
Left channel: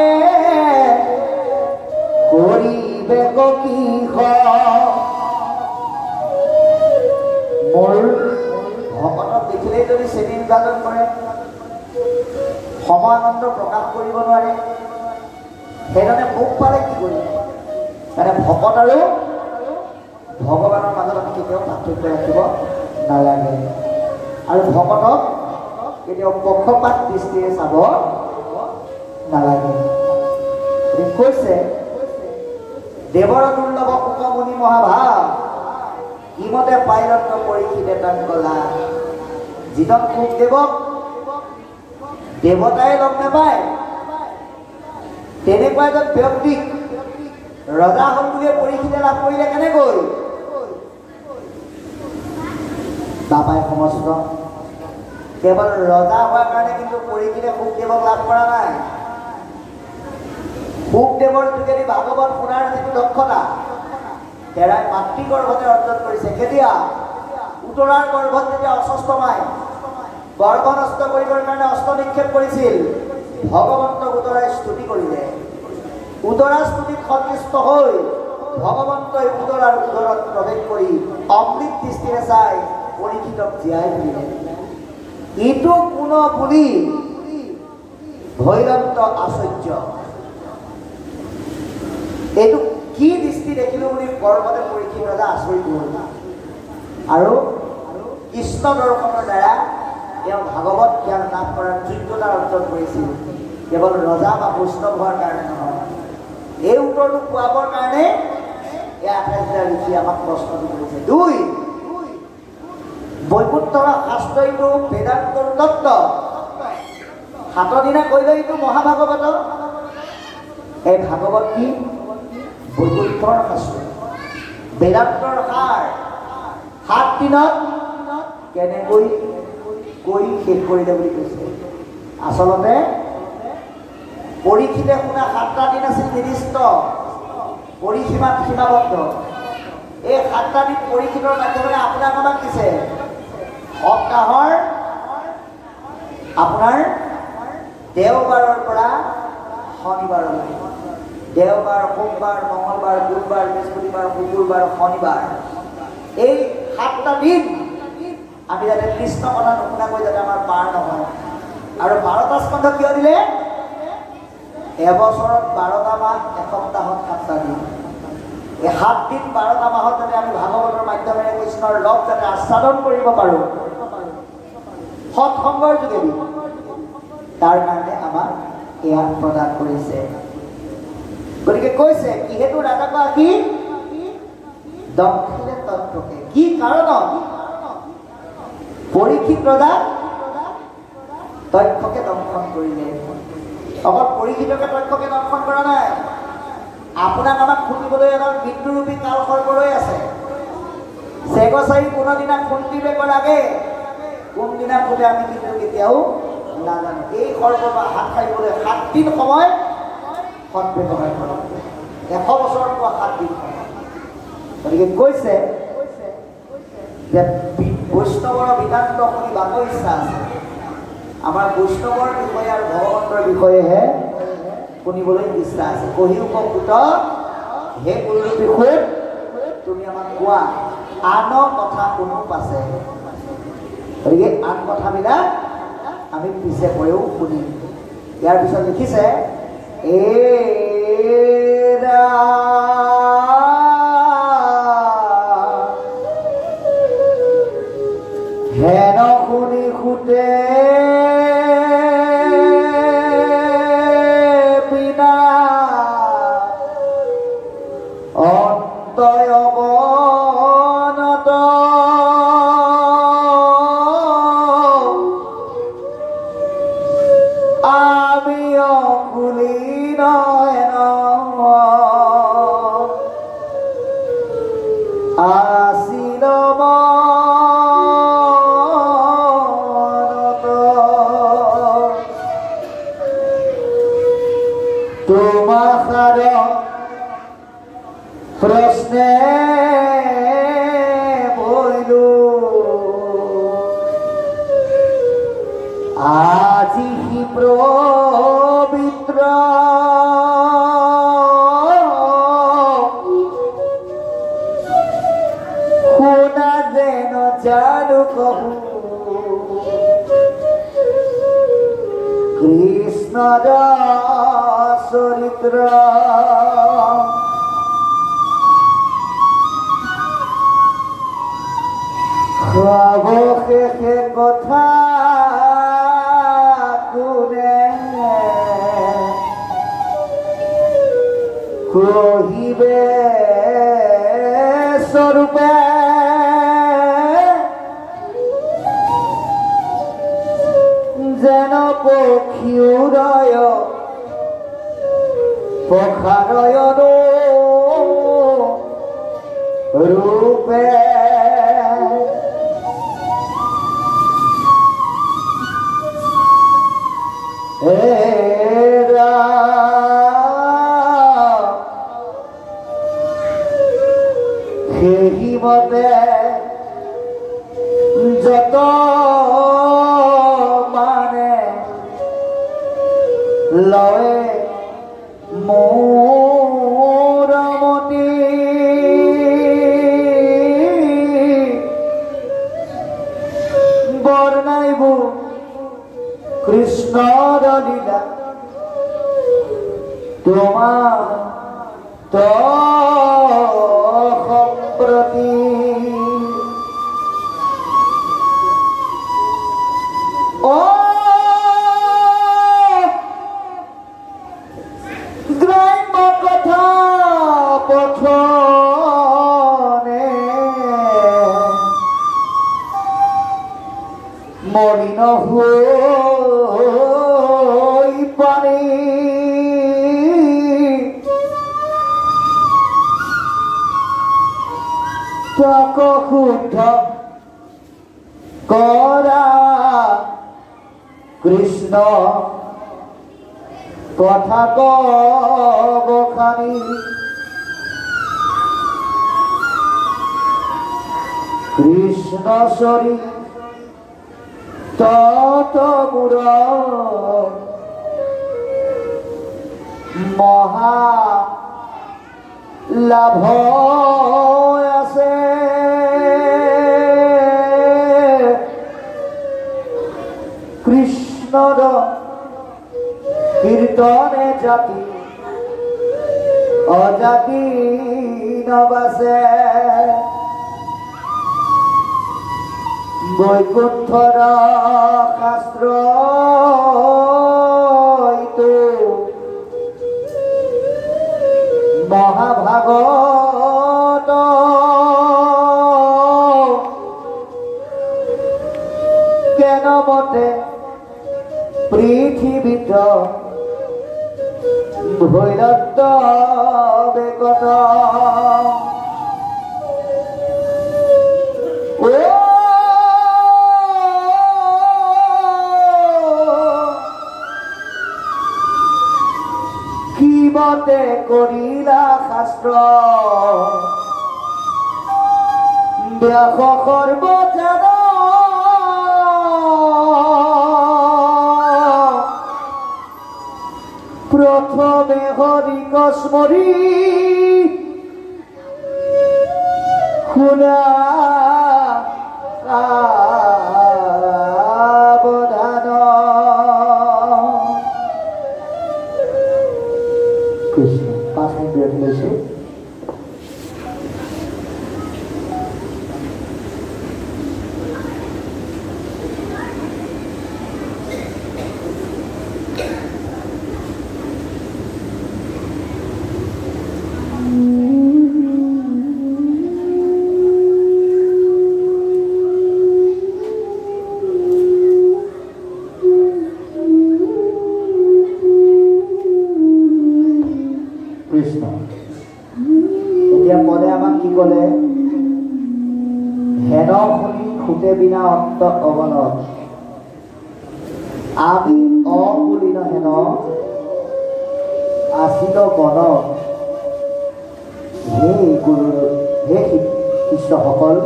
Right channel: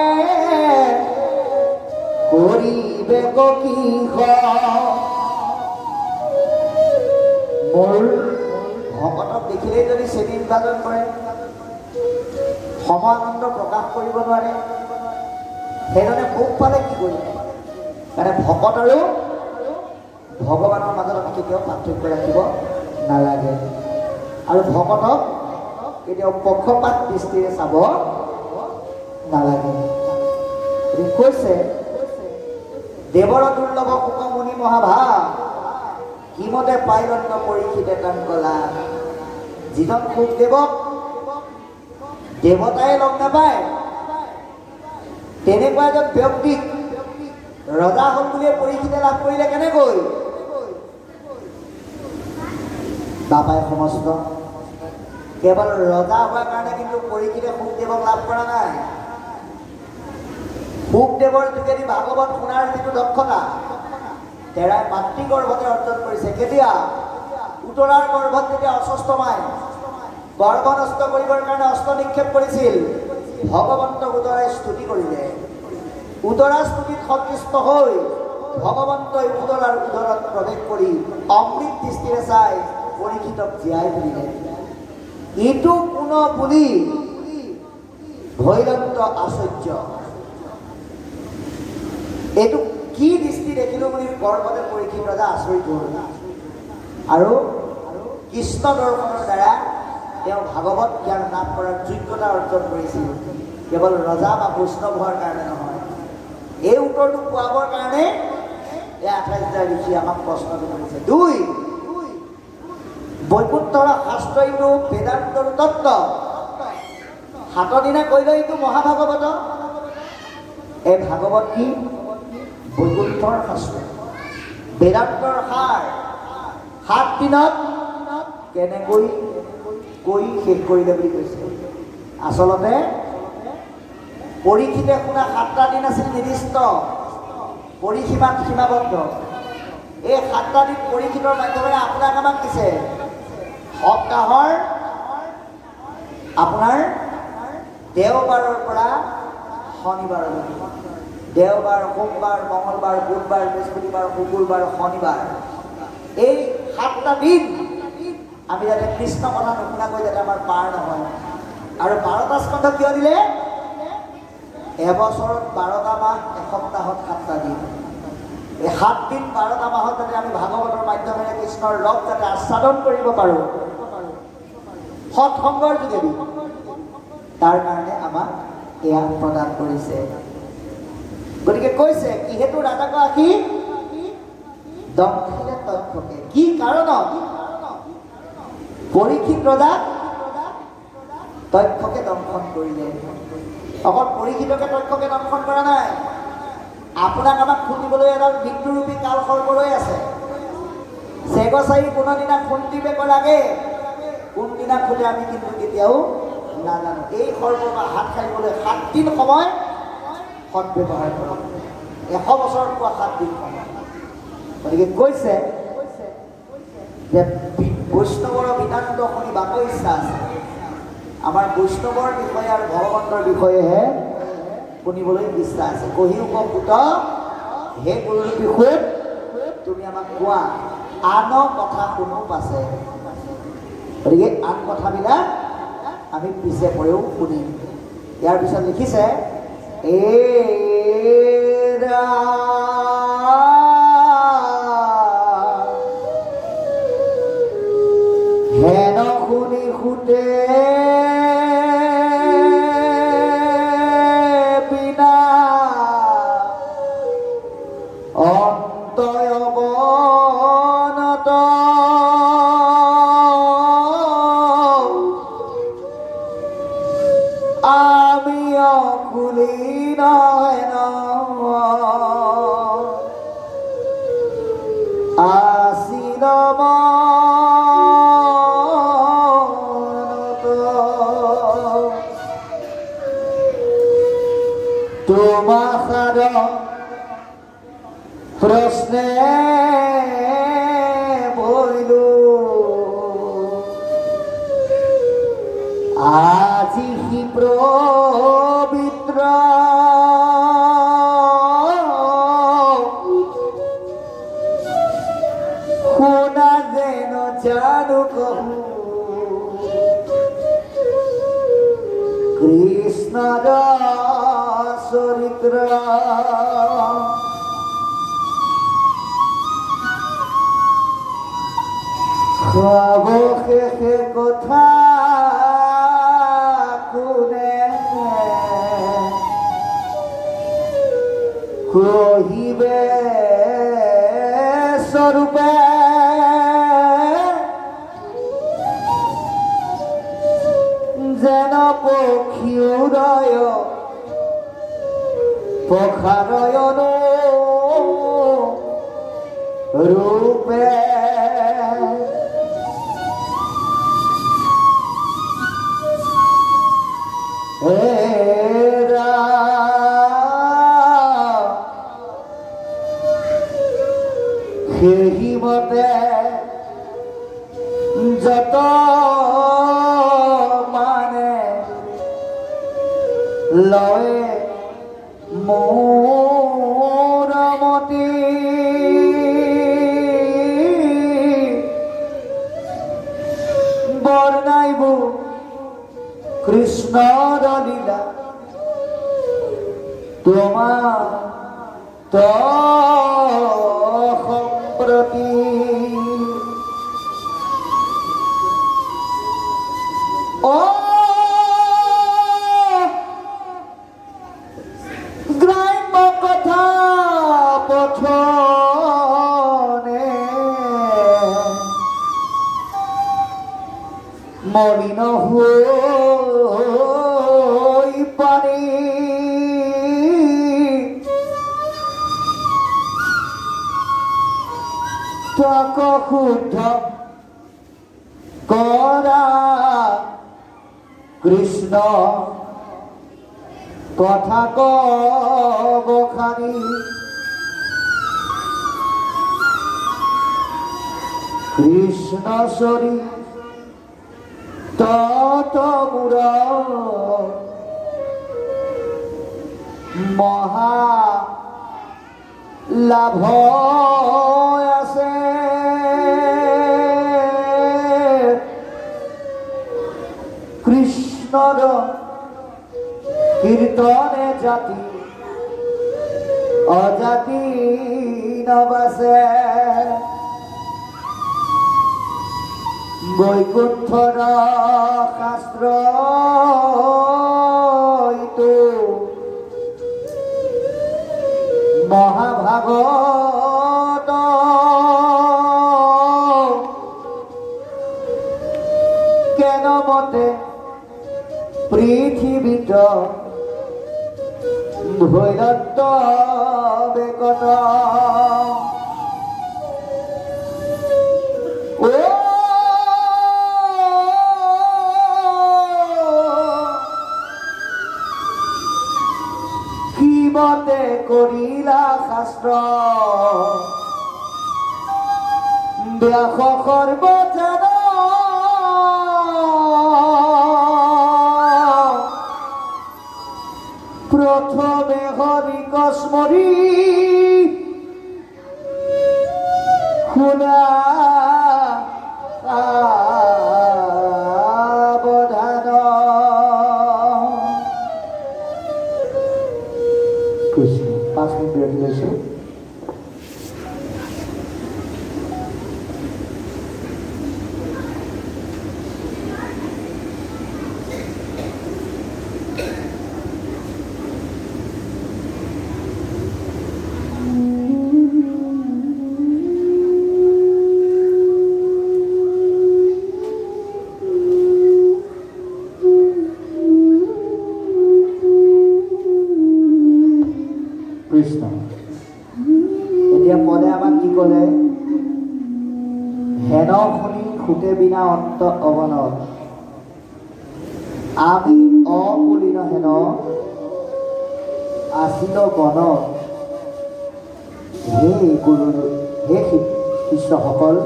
কৰিবে কিষ। মোৰ ভকতক দেখিলেই যদি শ্ৰেণী বিভাজন কৰে, সমানন্দ প্ৰকাশ কৰিব নোৱাৰে, সেইজনে ভোগ পালে কি কৰিব? মানে ভকত আৰু ভগৱানৰ মাজত আমি কেতিয়াও পাৰ্থক্য ৰাখিব নালাগে, আৰু ভকতক কেতিয়াও পক্ষপাত দৃষ্টিৰে চাব নালাগে। কৈছে দেৱৰ দুৰ্লভ কুকমুনি মহাভাৱ, কিমতে পাইৰত্ন পৰীক্ষিতে তান কলা, যিজন সুখদেৱক দেৱতাই লগ নাপায় তেনেকুৱা এজন ব্যক্তিক ৰজা হ'ল বুলিয়ে পৰীক্ষিতে লাভ কৰিলে কেনেকৈ? নাপায় সমস্ত, কেৱল ৰজা হোৱাৰ কাৰণে কিন্তু পৰীক্ষিতে সুখদেৱক লাভ কৰা নাই। সুখদেৱৰ যোগেদি ভাগৱত শুনাৰ যিটো দক্ষতা তেৰাই মাতৃগৰ্ভতে অৰ্জন কৰিছে। কেতিয়া? উত্তৰাৰ গৰ্ভত যেতিয়া অস্বস্থমাই গৰ্ভ নষ্ট কৰিবৰ কাৰণে অস্ত্ৰ নিক্ষেপ কৰিছিল, ভগৱন্তক উত্তৰাই স্তুতি কৰিলে, উদৰাস্তুতিত সন্তুষ্ট হৈ ভগৱন্তই উদৰাৰ উদৰত প্ৰৱেশ কৰি অমৃত দৃষ্টিৰে চাই পৰীক্ষিতক জীয়াই তুলিলে। ইটো কোন বুলি ভৈৰন্ত আশ্চৰ্য। এইটো কি দৃষ্টি দেখিলো বুলি পৰ্বতে পৰীক্ষিত ৰজা আচৰিত হ'ল আৰু কৃষ্ণ দৰ্শনৰ দ্বাৰা তেওঁ ভাগৱত জ্ঞান লাভ কৰাৰ যোগ্যতা অৰ্জন কৰিছিল। কেৱল ৰজা বা বৈষ্ণৱ হোৱাৰ কাৰণে নহয়, এই উত্তৰটো পোৱাবৰ কাৰণে এই 28টা ঋষি আমাক প্ৰশ্ন কৰিছে। 2 বৈকুণ্ঠৰ শাস্ত্ৰইটো বেদান্তৰ তত্ত্ব, 7 দিনা কৈলে এইটো মহাভাগৱত। এই ভাগৱত কি? বৈকুণ্ঠৰ শাস্ত্ৰ, বেদান্তৰ সাৰ। 7 দিনত কেনেকৈ কৈ শেষ কৰিলে বুলি কৈছে। আচলতে পৰীক্ষিতে শুনা 7টা দিন আছিল নিৰ্দিষ্ট, পৰিসীমাত সীমাবদ্ধ। এই 7টা দিন পৰীক্ষিতৰ মাধ্যমেৰে আপোনাক আমাক দিছে। সপ্তাহৰ আপোনাৰ দেওবাৰৰ পৰা শনিবাৰলৈকে, দেওবাৰ, সোমবাৰ, মঙলবাৰ, বুধবাৰ, বৃহস্পতিবাৰ, শুকুৰবাৰ, শনিবাৰ, এই 7টা দিন আমি যাতে কৃষ্ণ কথা নুশুনাকৈ যাতে আমাৰ পাৰ নহয়। আৰু 12টা স্কন্ধ কিয় দিলে? এবছৰত 12টা মাহ, এসপ্তাহত 7টা দিন। এই 7 দিন 12টা মাহত যাতে আমি ভাগৱতৰ মাধ্যমেৰে কৃষ্ণৰ লগ যাতে আস্বাদন কৰিব পাৰোঁ সৎসংগৰ যোগেদি, তাৰ কাৰণে আমাক এয়া প্ৰদান কৰিছে। গতিকে কৈছে কিহেতু ৰাজাগৰাকী দক্ষিণে তক্ষকে, কি কাৰণত পৰীক্ষিত ৰজা তক্ষকে দংশন কৰিলে। অকল পৰীক্ষিতকে তক্ষকে দংশন কৰা নাই, আপোনাক আমাক শুনিবলৈ এডাল মৃত্যুৰূপী কাল সৰ্প ৰৈ আছে। চেগচাৰি কোনোদিনা খুন্দিবে কৰাগে, কোনদিনা ফুটে আমি কিন্তু কেতিয়াও নাজানো। এই সৰ্পৰ পৰা হাত সাৰিবলৈ 7 দিন সময় সৎ ব্যৱহাৰ কৰক। 100 বছৰত পোৱা 7 দিন সময়। গতিকে কৈছে যে বৈষ্ণৱৰ বিদান্ত শুনি বাক ইচ্ছা আছে। আমাৰ বৈষ্ণৱৰ বিষয়ে আৰু ভগৱন্তৰ বিষয়েহে শুনিবলৈ ইচ্ছা আছে। কহিও পুত হে গুৰুৰূপী সুত, তুমি আমাক কোৱা, আন কথা কোনো পাছে। গতিকে আন কথাবিলাক আমি পিছে পৰেও শুনিম। ইয়াৰ পিছত লিখিছে হেন শুনি সুতে বিনা অন্তয় অৱনত আমি অকুলি নয়ন আছিল তোমার প্রশ্নে বইল আজি হি পবিত্র শুনা যেন জানু কহু কৃষ্ণ চরিত্র অবশেষে কথা কোনে কহিবে স্বরূপে যেন পক্ষী উদয় পখানয়ন রূপে সেই মতে যত মানে লয় মোৰ কৃষ্ণৰ লীলা তোমাৰ সম্প্ৰতি গ্ৰাম্য কথা পঠনে মলিন হৈ পানী তাক শুদ্ধ কৰা কৃষ্ণ তথা বখানি কৃষ্ণ চৰি তত মূৰ মহা লাভ আছে কৃষ্ণৰ কীৰ্তনে জাতি অজাতি নবাসে বৈকুণ্ঠৰ শাস্ত্ৰ মহাভাগত কেনমতে পৃথিৱীত ভৈৰত্ব বেকত কিমতে কৰিলা শাস্ত্ৰ ব্যাস সৰ্বজন প্রথমে হরিক স্মরি শুনা সাবধান কৃষ্ণ 5 মিনিট বিরতি লৈছো কৃষ্ণ এতিয়া পদে আমাক কি কলে হেন শুনি খুটে বিনা অন্ত অৱনত আমি অবুলিন হেন আছিল বন হে গুৰু হে শিষ্যসকল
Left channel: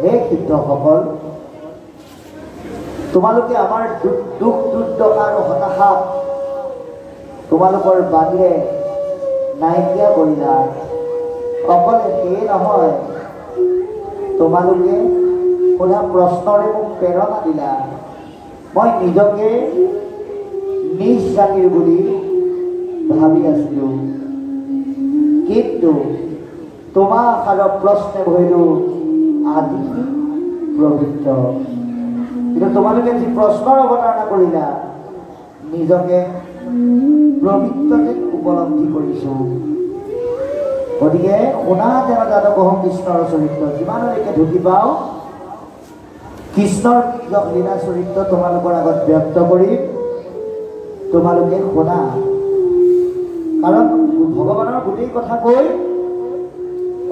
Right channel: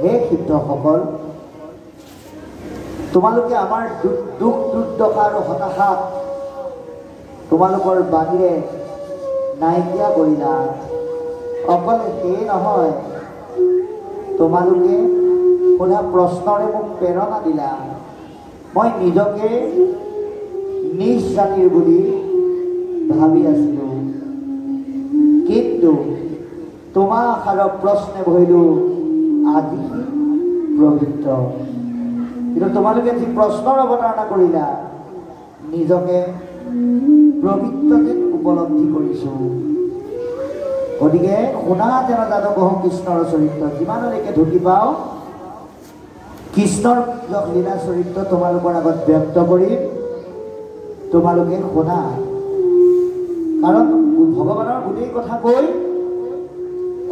হে সিদ্ধসকল তোমালোকে আমাৰ দুখ দুৰ্দশা আৰু হতাশা তোমালোকৰ বাহিৰে নাইকিয়া কৰিলা অকল সেয়ে নহয় তোমালোকে সোধা প্ৰশ্নৰে মোক প্ৰেৰণা দিলা মই নিজকে নিজ জাতিৰ বুলি ভাবি আছিলো কিন্তু তোমাৰ আশাৰ প্ৰশ্নে ভৰিলো আদি পবিত্ৰ কিন্তু তোমালোকে যি প্ৰশ্নৰ অৱতাৰণা কৰিলা নিজকে পবিত্ৰতে উপলব্ধি কৰিছো গতিকে শুনা যেন জানো কহো কৃষ্ণৰ চৰিত্ৰ যিমানলৈকে ঢুকি পাওঁ কৃষ্ণৰ লীলা চৰিত্ৰ তোমালোকৰ আগত ব্যক্ত কৰিম তোমালোকে শুনা কাৰণ ভগৱানৰ গোটেই কথা কৈ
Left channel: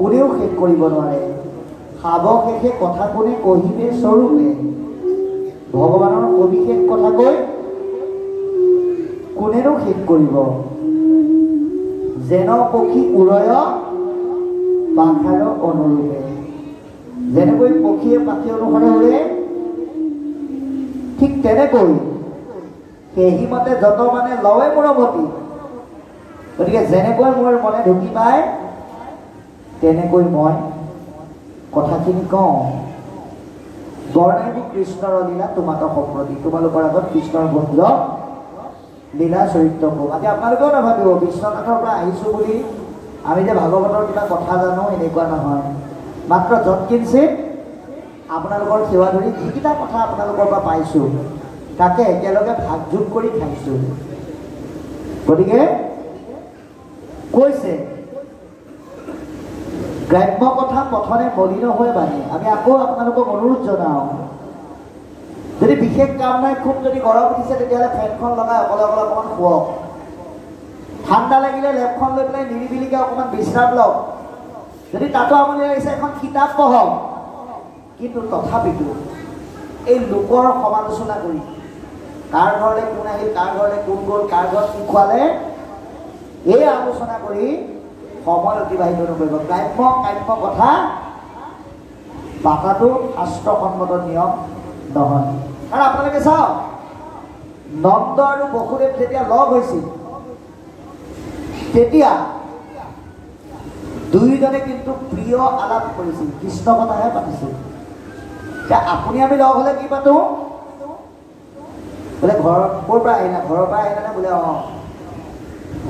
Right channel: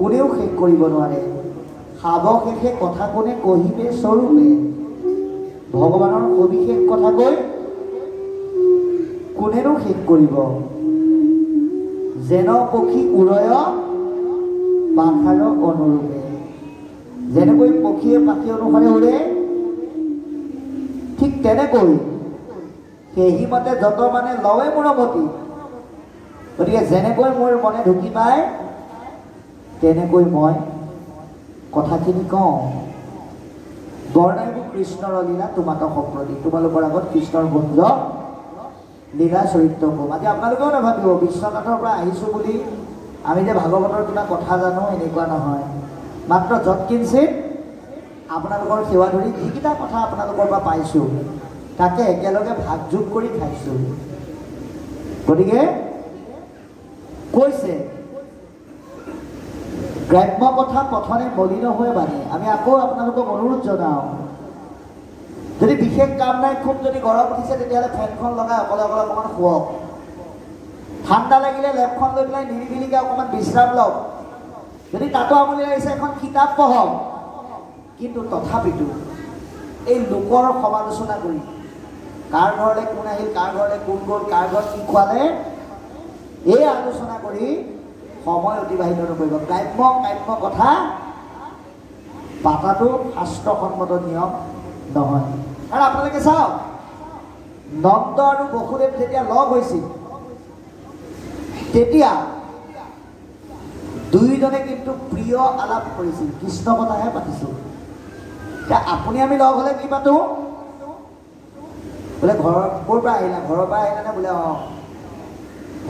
কোনেও শেষ কৰিব নোৱাৰে সাৱশেষে কথা কোনে কহিবে স্বৰূপে ভগৱানৰ অভিষেক কথা কৈ কোনেনো শেষ কৰিব যেন পক্ষী উৰয় পাখাৰ অনুৰূপে যেনেকৈ পক্ষীয়ে পাখি অনুসাৰে উৰে ঠিক তেনেকৈ সেই মতে যত মানে লয় মোৰমতি গতিকে যেনেকৈ মোৰ মনে ঢুকি পায় তেনেকৈ মই কথাখিনি কওঁ বৰ্ণাইব কৃষ্ণৰ লীলা তোমাক সম্প্ৰতি তোমালোকৰ আগত কৃষ্ণৰ বন্ধ লীলা চৰিত্ৰ কম। আজি আপোনালোকেও নাভাবিব বিশ্বনাথৰ পৰা আহিছোঁ বুলি আমি যে ভাগৱতৰ কিবা কথা জানো, এনেকুৱা নহয়। মাত্ৰ যৎকিঞ্চিত আপোনালোকৰ সেৱা ধৰি যিকেইটা কথা আপোনালোকৰ পৰা পাইছোঁ তাকে একেলগে ভাগযোগ কৰি খাইছোঁ। গতিকে কৈছে গ্ৰাম্য কথা পথনে মলিন হৈ বাণী। আমি আকৌ আপোনালোকক অনুৰোধ জনাওঁ, যদি বিশেষ কাম নাই, খুব যদি গৰম উঠিছে তেতিয়াহ'লে ফেনখন লগাই অকলে অকলে অকণমান শুৱক। ঠাণ্ডা লাগিলে লেপখন লৈ পেলাই নিৰিবিলিকৈ অকণমান বিশ্ৰাম লওক। যদি তাতো আমনি লাগিছে এখন কিতাপ পঢ়ক। কিন্তু তথাপিতো এই লোকৰ সমালোচনা কৰি কাৰ ঘৰলৈ কোন আহিল, কাৰ ঘৰলৈ কোন গ'ল, কাৰ ঘৰত কি খোৱালে, এই আলোচনা কৰি সময় অতিবাহিত নকৰিব। গ্ৰাম্য কাম্য কথা পাতাটো শাস্ত্ৰসন্মত নিয়ম নহয়। আৰু আপোনালোকে চাওক, নন্দ আৰু বসুদেৱ যেতিয়া লগ হৈছিল তেতিয়া দুয়োজনে কিন্তু প্ৰিয় আলাপ কৰিছিল, কৃষ্ণ কথাহে পাতিছিল। এতিয়া আপুনি আমি লগ হ'লে কি পাতো? বোলে ঘৰৰ ক'ৰ পৰা আহিলা, ঘৰৰ পৰা আহিলা নে? বোলে অঁ।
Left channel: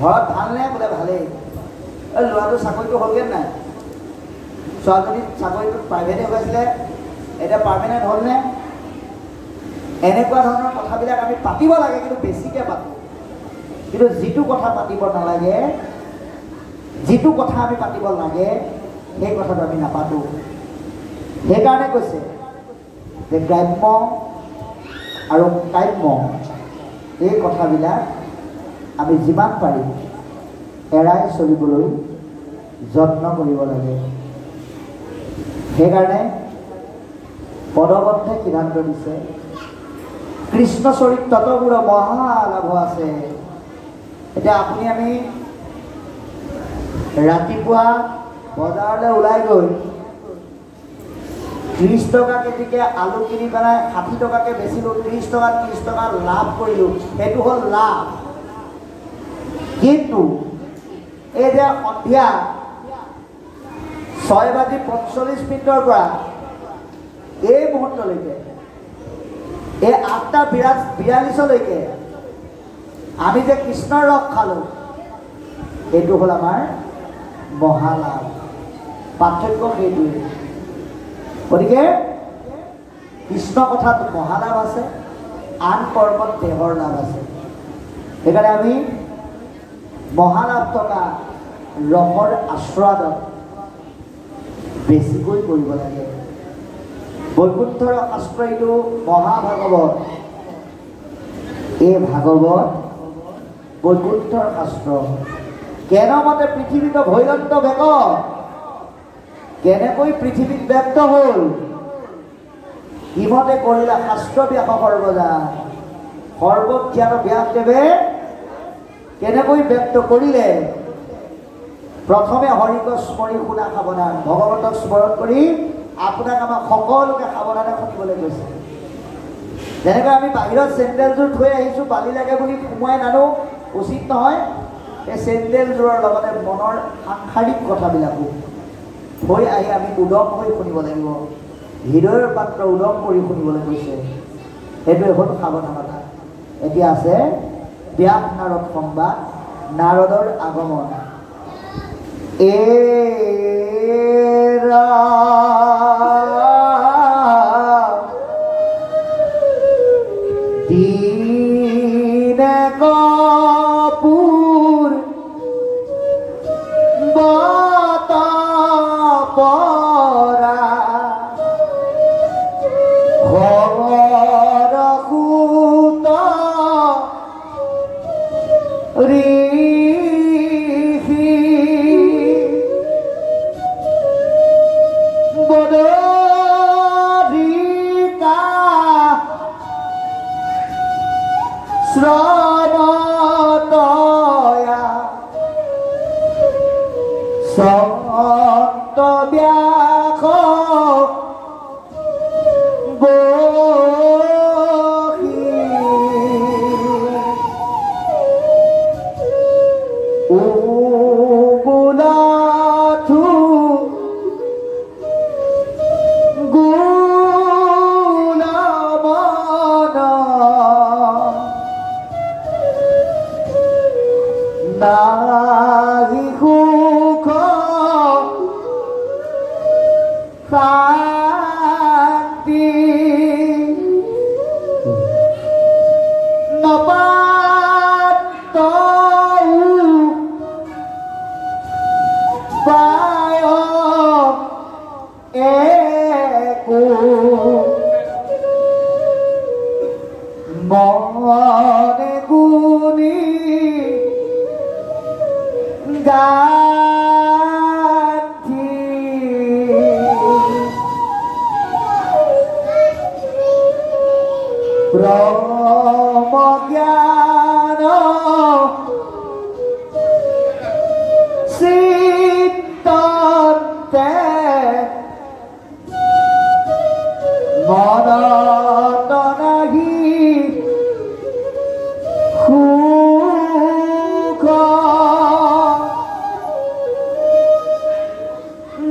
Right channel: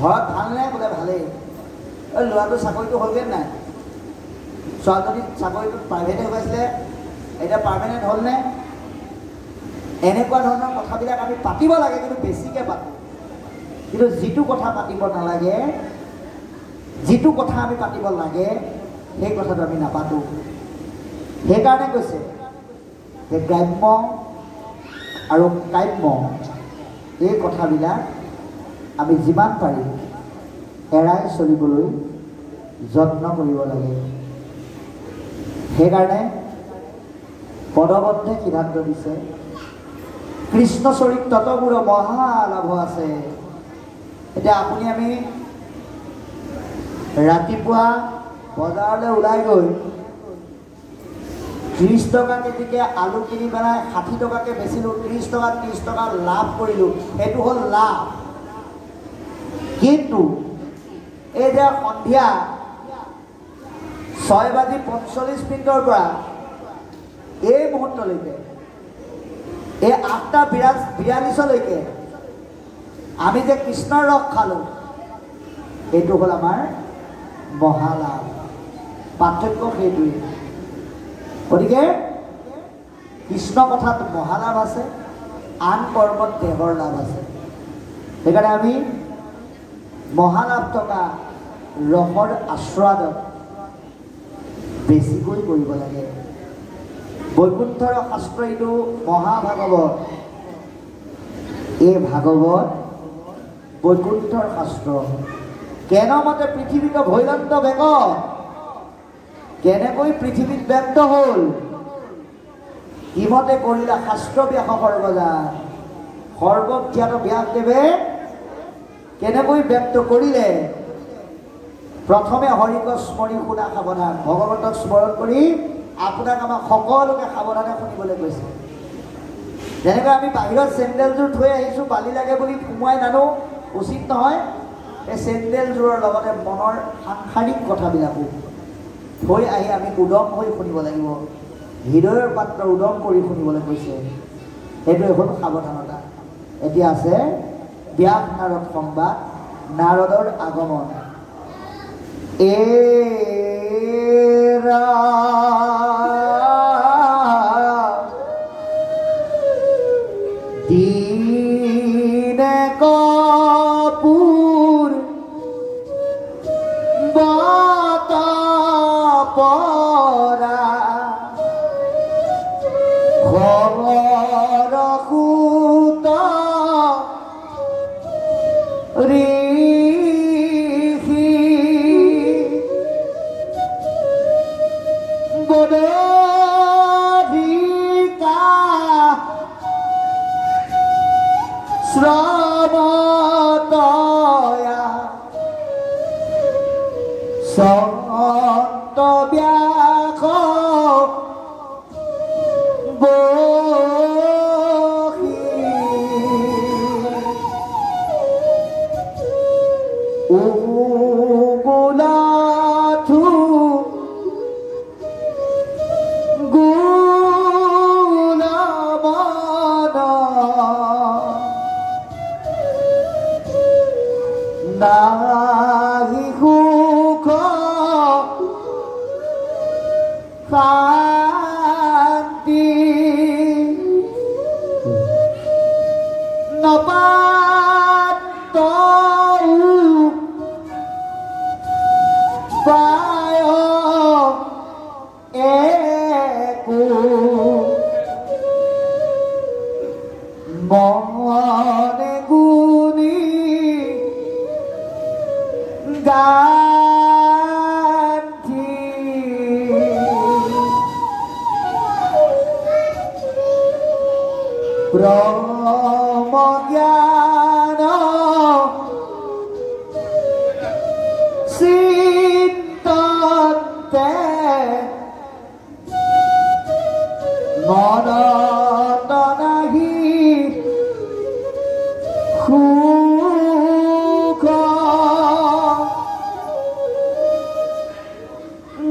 ঘৰত ভালনে? বোলে ভালেই। ল'ৰাটো চাকৰিটো হ'লগৈ নাই? ছোৱালীজনী চাকৰিটো প্ৰাইভেটে হৈছিলে, এতিয়া পাৰ্মানেণ্ট হ'লনে? এনেকুৱা ধৰণৰ কথাবিলাক আমি পাতিব লাগে, কিন্তু বেছিকৈ পাতোঁ। কিন্তু যিটো কথা পাতিব নালাগে, যিটো কথা আমি পাতিব লাগে, সেই কথাটো আমি নাপাতোঁ। সেইকাৰণে কৈছে যে গ্ৰাম্য আৰু কাম্য এই কথাবিলাক আমি যিমান পাৰি এৰাই চলিবলৈ যত্ন কৰিব লাগে। সেইকাৰণে পদবদ্ধে সিদ্ধান্ত দিছে, কৃষ্ণ চৰিত্ৰত বোৰো মহালাভ আছে। এতিয়া আপুনি আমি ৰাতিপুৱা বজাৰলৈ ওলাই গৈ 30 টকা কেজিকে আলু কিনি পেলাই 60 টকাকৈ বেচিলোঁ, 30 টকা 30 টকা লাভ কৰিলোঁ, সেইটো হ'ল লাভ। কিন্তু এই যে সন্ধিয়া 6:45 পৰা এই মুহূৰ্তলৈকে, এই 8:42লৈকে আমি যে কৃষ্ণৰ ৰস খালোঁ, এইটো হ'ল আমাৰ মহালাভ। পাৰ্থক্য সেইটোৱে। গতিকে কৃষ্ণ কথাত মহালাভ আছে, আন কৰ্মত দেহৰ লাভ আছে। সেইকাৰণে আমি মহালাভ থকা ৰসৰ আশ্ৰয়ত বেছিকৈ কৰিব লাগে। বৈকুণ্ঠৰ শাস্ত্ৰ এইটো মহাভাগৱত। এই ভাগৱত বৈকুণ্ঠৰ শাস্ত্ৰ। কেনেমতে পৃথিৱীত ভৈৰন্ত বেগ, কেনেকৈ পৃথিৱীত ব্যক্ত হ'ল, ইমতে কৰিলে শাস্ত্ৰ ব্যাস সৰ্বজা। সৰ্বজ্ঞাত ব্যাসদেৱে কেনেকৈ ব্যক্ত কৰিলে? প্ৰথমে হৰিক স্মৰি শুনা সাৱধান। ভগৱন্তক স্মৰণ কৰি আপোনাক আমাক সকলোকে সাৱধানে শুনিবলৈ কৈছে। যেনেকৈ আমি বাহিৰত চেণ্ডেলযোৰ থৈ আহিছোঁ, বালি লাগে বুলি সোমোৱাই নানো, উচিত নহয়। এই চেণ্ডেলযোৰৰ লগতে মনৰ সাংসাৰিক কথাবিলাকো থৈ আহি আমি উদম হৈ শুনিব লাগিব। হৃদয়ৰ পাত্ৰ উদম কৰি শুনিবলৈ কৈছে। সেইটোৱে হ'ল সাৱধানতা। এতিয়া আছে ব্যাস নাৰদ সংবাদ, নাৰদৰ আগমন। দীনে কপুৰ বত পৰা খবৰ কুত ঋষি বদৰিকা শ্ৰবতয়া সন্ত ব্যাখ বহি উগুলাথু গুৰু ব্ৰহ্ম জ্ঞান চিত্ততে মনত নাহি সুখ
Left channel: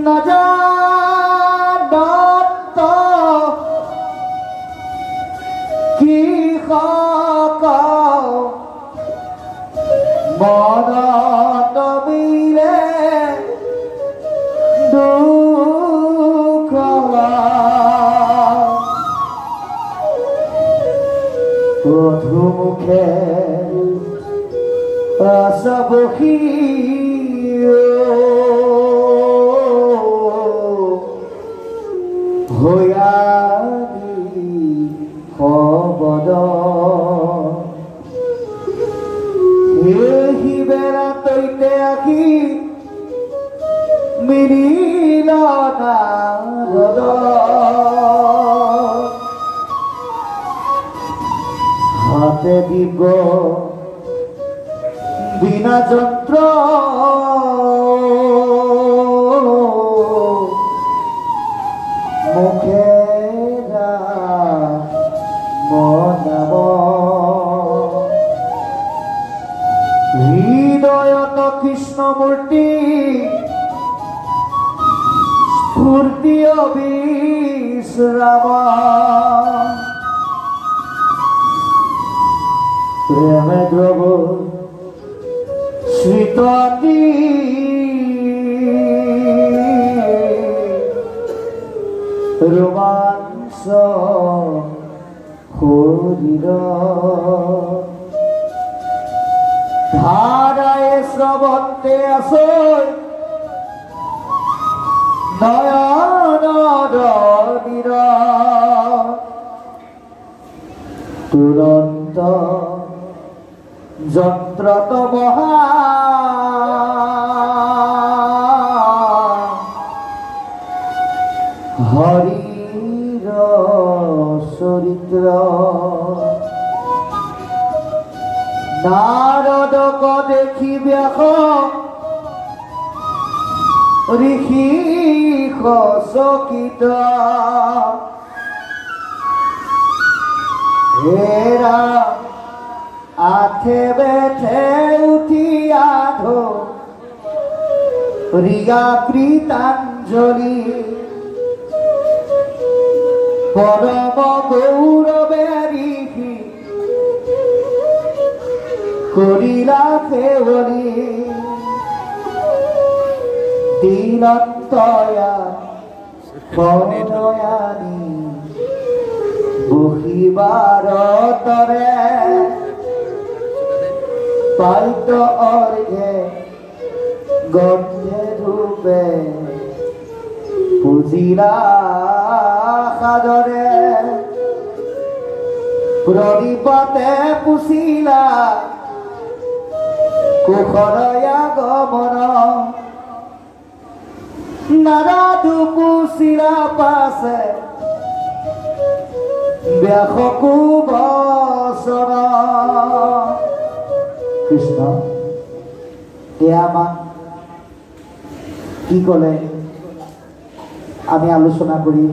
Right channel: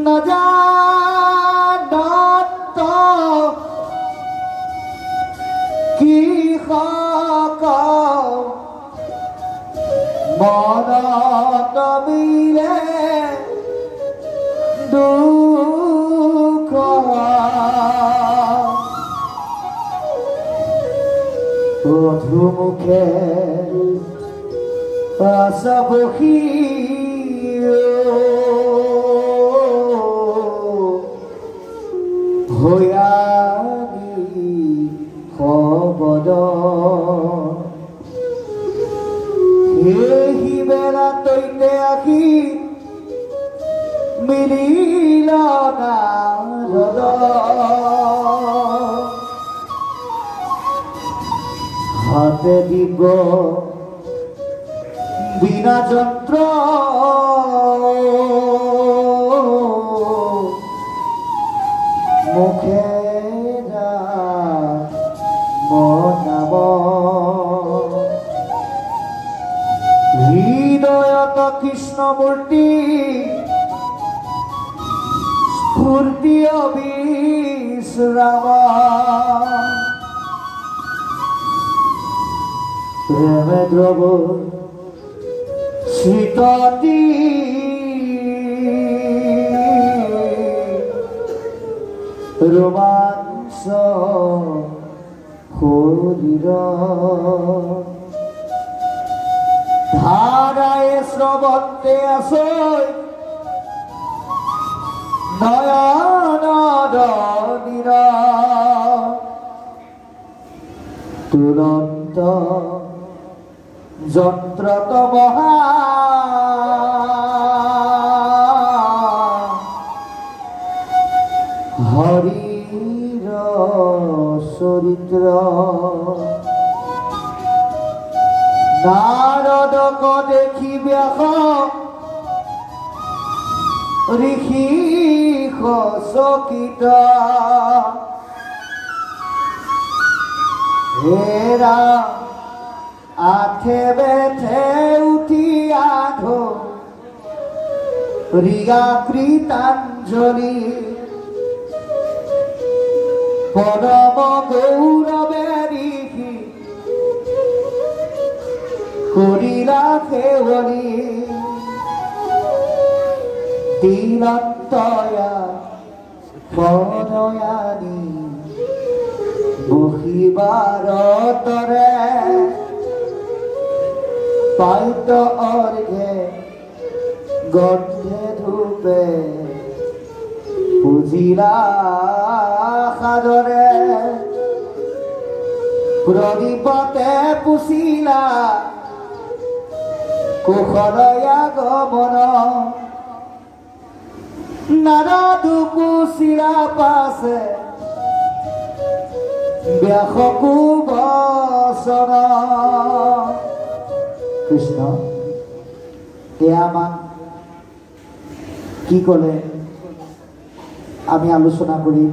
নজানত কৃষক মনত মিলে দুখ মধুমুখে আছাবসী হয়ানি শবদ সেই বেলা তৈতে আহি মিলিল নাৰদ হাতে দিব বিনা যন্ত্র মুখে মনাব হৃদয়ত কৃষ্ণমূর্তি স্ফূর্তি অবিশ্রাম প্রেমে দ্রব শীততি রোমাঞ্চ শরীর ধারায় শ্রবন্তে আসৈ নয়ন নীর তুরন্ত যন্ত্রত মহা হরির চরিত্র নারদক দেখি ব্যাস ঋষি চকিত হেৰা আঠে বেঠে উঠি আধো ৰিগা কৃতাঞ্জলি পৰম গৌৰৱে ঋষি কৰিলা কেৱলি দিনন্তয়া প্ৰণয়ানি বহিবাৰতৰে পাইত অৰ্ঘে গন্ধে ধূপে পুজিলা সাদৰে প্ৰদীপতে পুছিলা কুশলয়া গমন নাৰদু পুছিলা পাছে ব্যাসকু বচন কৃষ্ণ এয়া আমাক কি ক'লে আমি আলোচনা কৰি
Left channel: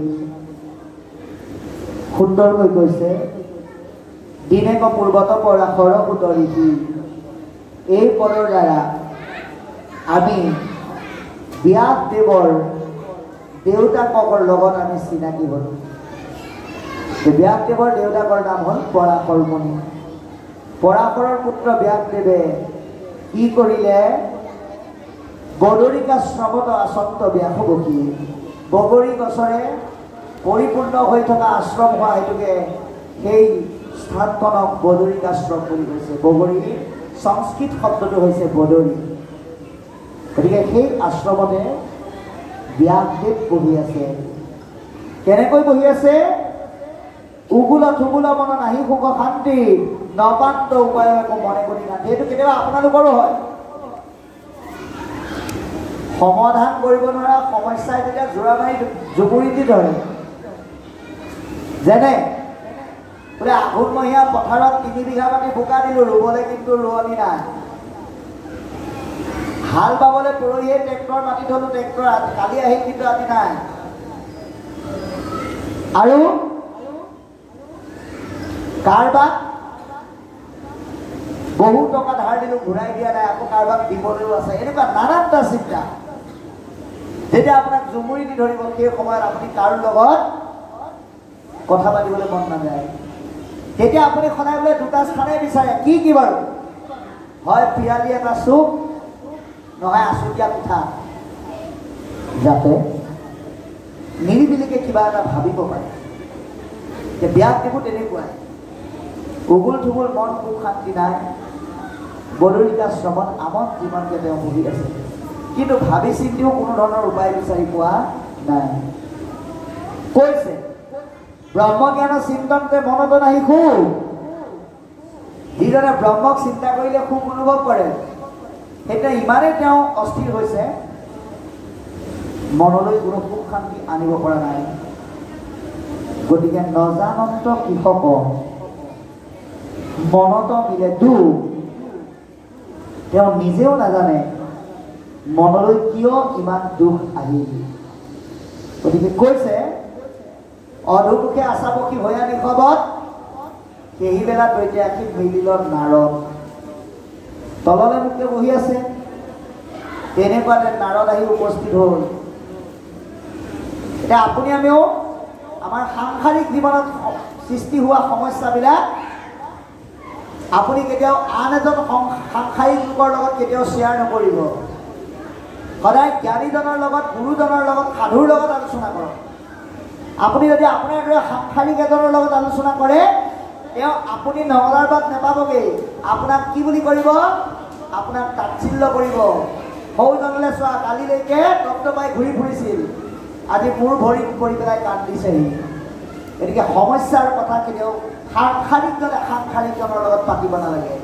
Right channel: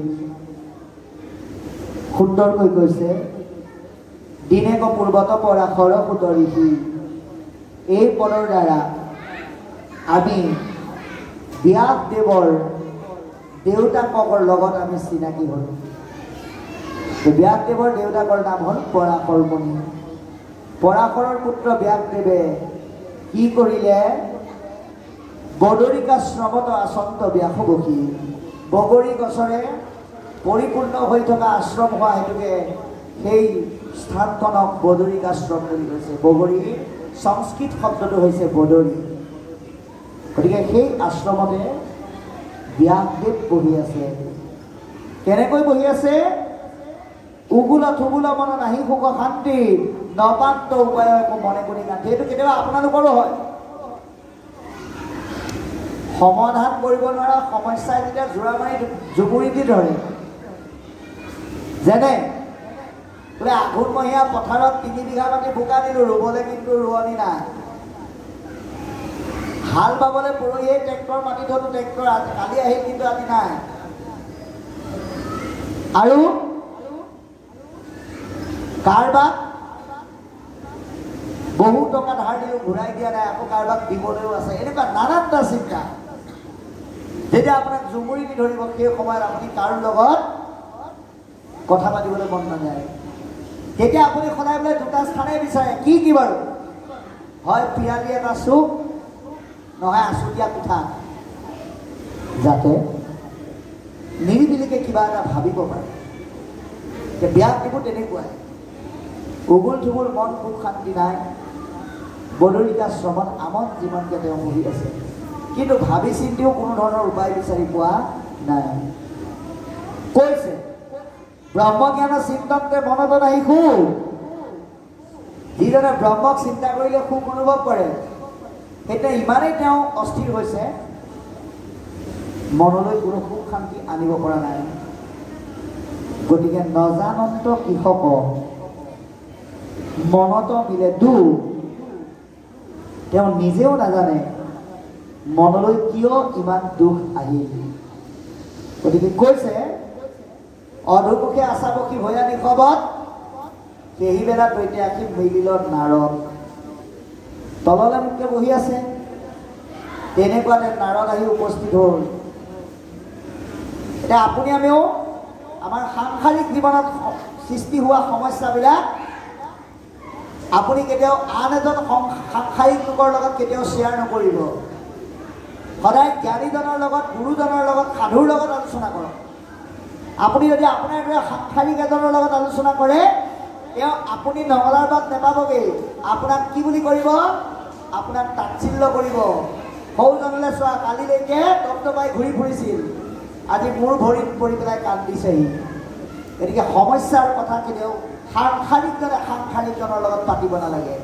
সুন্দৰকৈ কৈছে দিনেক পূৰ্বত পৰা সৰসুত ঋষি এই পদৰ দ্বাৰা আমি ব্যাসদেৱৰ দেউতাকৰ লগত আমি চিনাকি হ'ল ব্যাসদেৱৰ দেউতাকৰ নাম হ'ল পৰাশৰ মুনি পৰাশৰৰ পুত্ৰ ব্যাসদেৱে কি কৰিলে বদৰিকাশ্ৰমত আচন্ত ব্যাস বসি বগৰী গছৰে পৰিপূৰ্ণ হৈ থকা আশ্ৰম হোৱা হেতুকে সেই স্থানখনক বদৰিকাশ্ৰম বুলি কৈছে বগৰী সংস্কৃত শব্দটো হৈছে বদৰী গতিকে সেই আশ্ৰমতে ব্যাসদেৱ বহি আছে কেনেকৈ বহি আছে উগুল থুগুল মন নাহি সুখ শান্তি নপান্ত উপায় একো মনে কৰি নাথাকে এইটো কেতিয়াবা আপোনালোকৰো হয় সমাধান কৰিব নোৱাৰা সমস্যাই যেতিয়া জোৰা মাৰি জুগুৰি দি ধৰে যেনে বোলে আঘোণমহীয়া পথাৰত 3 বিঘা মাটি বোকা দিলোঁ, ৰুবলৈ কিন্তু ৰোৱনী নাই। হাল বাবলৈ পৰহিয়ে ট্ৰেক্টৰ মাতি থলোঁ, ট্ৰেক্টৰ কালি আহিল কিন্তু আজি নাই। আৰু কাৰোবাক বহু টকা ধাৰ দিলোঁ, ঘূৰাই দিয়া নাই, আকৌ কাৰোবাক দিবলৈও আছে। এনেকুৱা নানানটা চিন্তা যেতিয়া আপোনাক জুমুৰি দি ধৰিব, সেই সময়ত আপুনি কাৰো লগত কথা পাতিবলৈ মন নাযায়। তেতিয়া আপুনি সদায় বোলে দুটা স্থানেই বিচাৰে, কি কি বাৰু? হয় পিৰালি এটা চুপ, নহয় আচুতীয়া পিঠা, যাতে নিৰিবিলিকে কিবা এটা ভাবিব পাৰে। বিয়াত দেখোঁ তেনেকুৱাই, উগুল থুগুল মন সুখ শান্তি নাই, বদলিকা শ্ৰমত আমত যিমানকে তেওঁ বহি আছে, কিন্তু ভাবি চিন্তিও কোনো ধৰণৰ উপায় বিচাৰি পোৱা নাই। কৈছে ব্ৰহ্মজ্ঞানৰ চিন্তনতে মনত নাহি সুখ। যিজনে ব্ৰহ্মক চিন্তা কৰিলে সুখ অনুভৱ কৰে, সেইটোৱে ইমানেই তেওঁ অস্থিৰ হৈছে, মনলৈ কোনো সুখ শান্তি আনিব পৰা নাই। গতিকে নজানন্ত কৃষক মনত মিলে দুখ। তেওঁ নিজেও নাজানে মনলৈ কিয় ইমান দুখ আহিল। গতিকে কৈছে অধুমুখে আচাবসী ভয়া নিশবত, সেই বেলা দৈতে আঁকি মিলিলত নাৰদ। তললৈ মুখে বহি আছে, তেনেকুৱাতে নাৰদ আহি উপস্থিত হ'ল। এতিয়া আপুনি আমিও আমাৰ সাংসাৰিক জীৱনত সৃষ্টি হোৱা সমস্যাবিলাক আপুনি কেতিয়াও আন এজন সাংসাৰিক লোকৰ লগত কেতিয়াও শ্বেয়াৰ নকৰিব। সদায় জ্ঞানীজনৰ লগত, গুৰুজনৰ লগত, সাধুৰ লগত আলোচনা কৰক। আপুনি যদি আপোনাৰ দৰে সাংসাৰিক এজনৰ লগত আলোচনা কৰে, তেওঁ আপুনি নগলাৰ বাদ নাপাবগৈ। আপোনাক কি বুলি কৰিব? আপোনাক তাচ্ছিল্য কৰিব। সৌজনলৈ চোৱা, কালিলৈকে টপটপাই ঘূৰি ফুৰিছিল, আজি মোৰ ভৰিত পৰি পেলাই কান্দিছেহি। গতিকে সমস্যাৰ কথা কেতিয়াও সাংসাৰিকজনে সাংসাৰিকজনৰ লগত পাতিব নালাগে।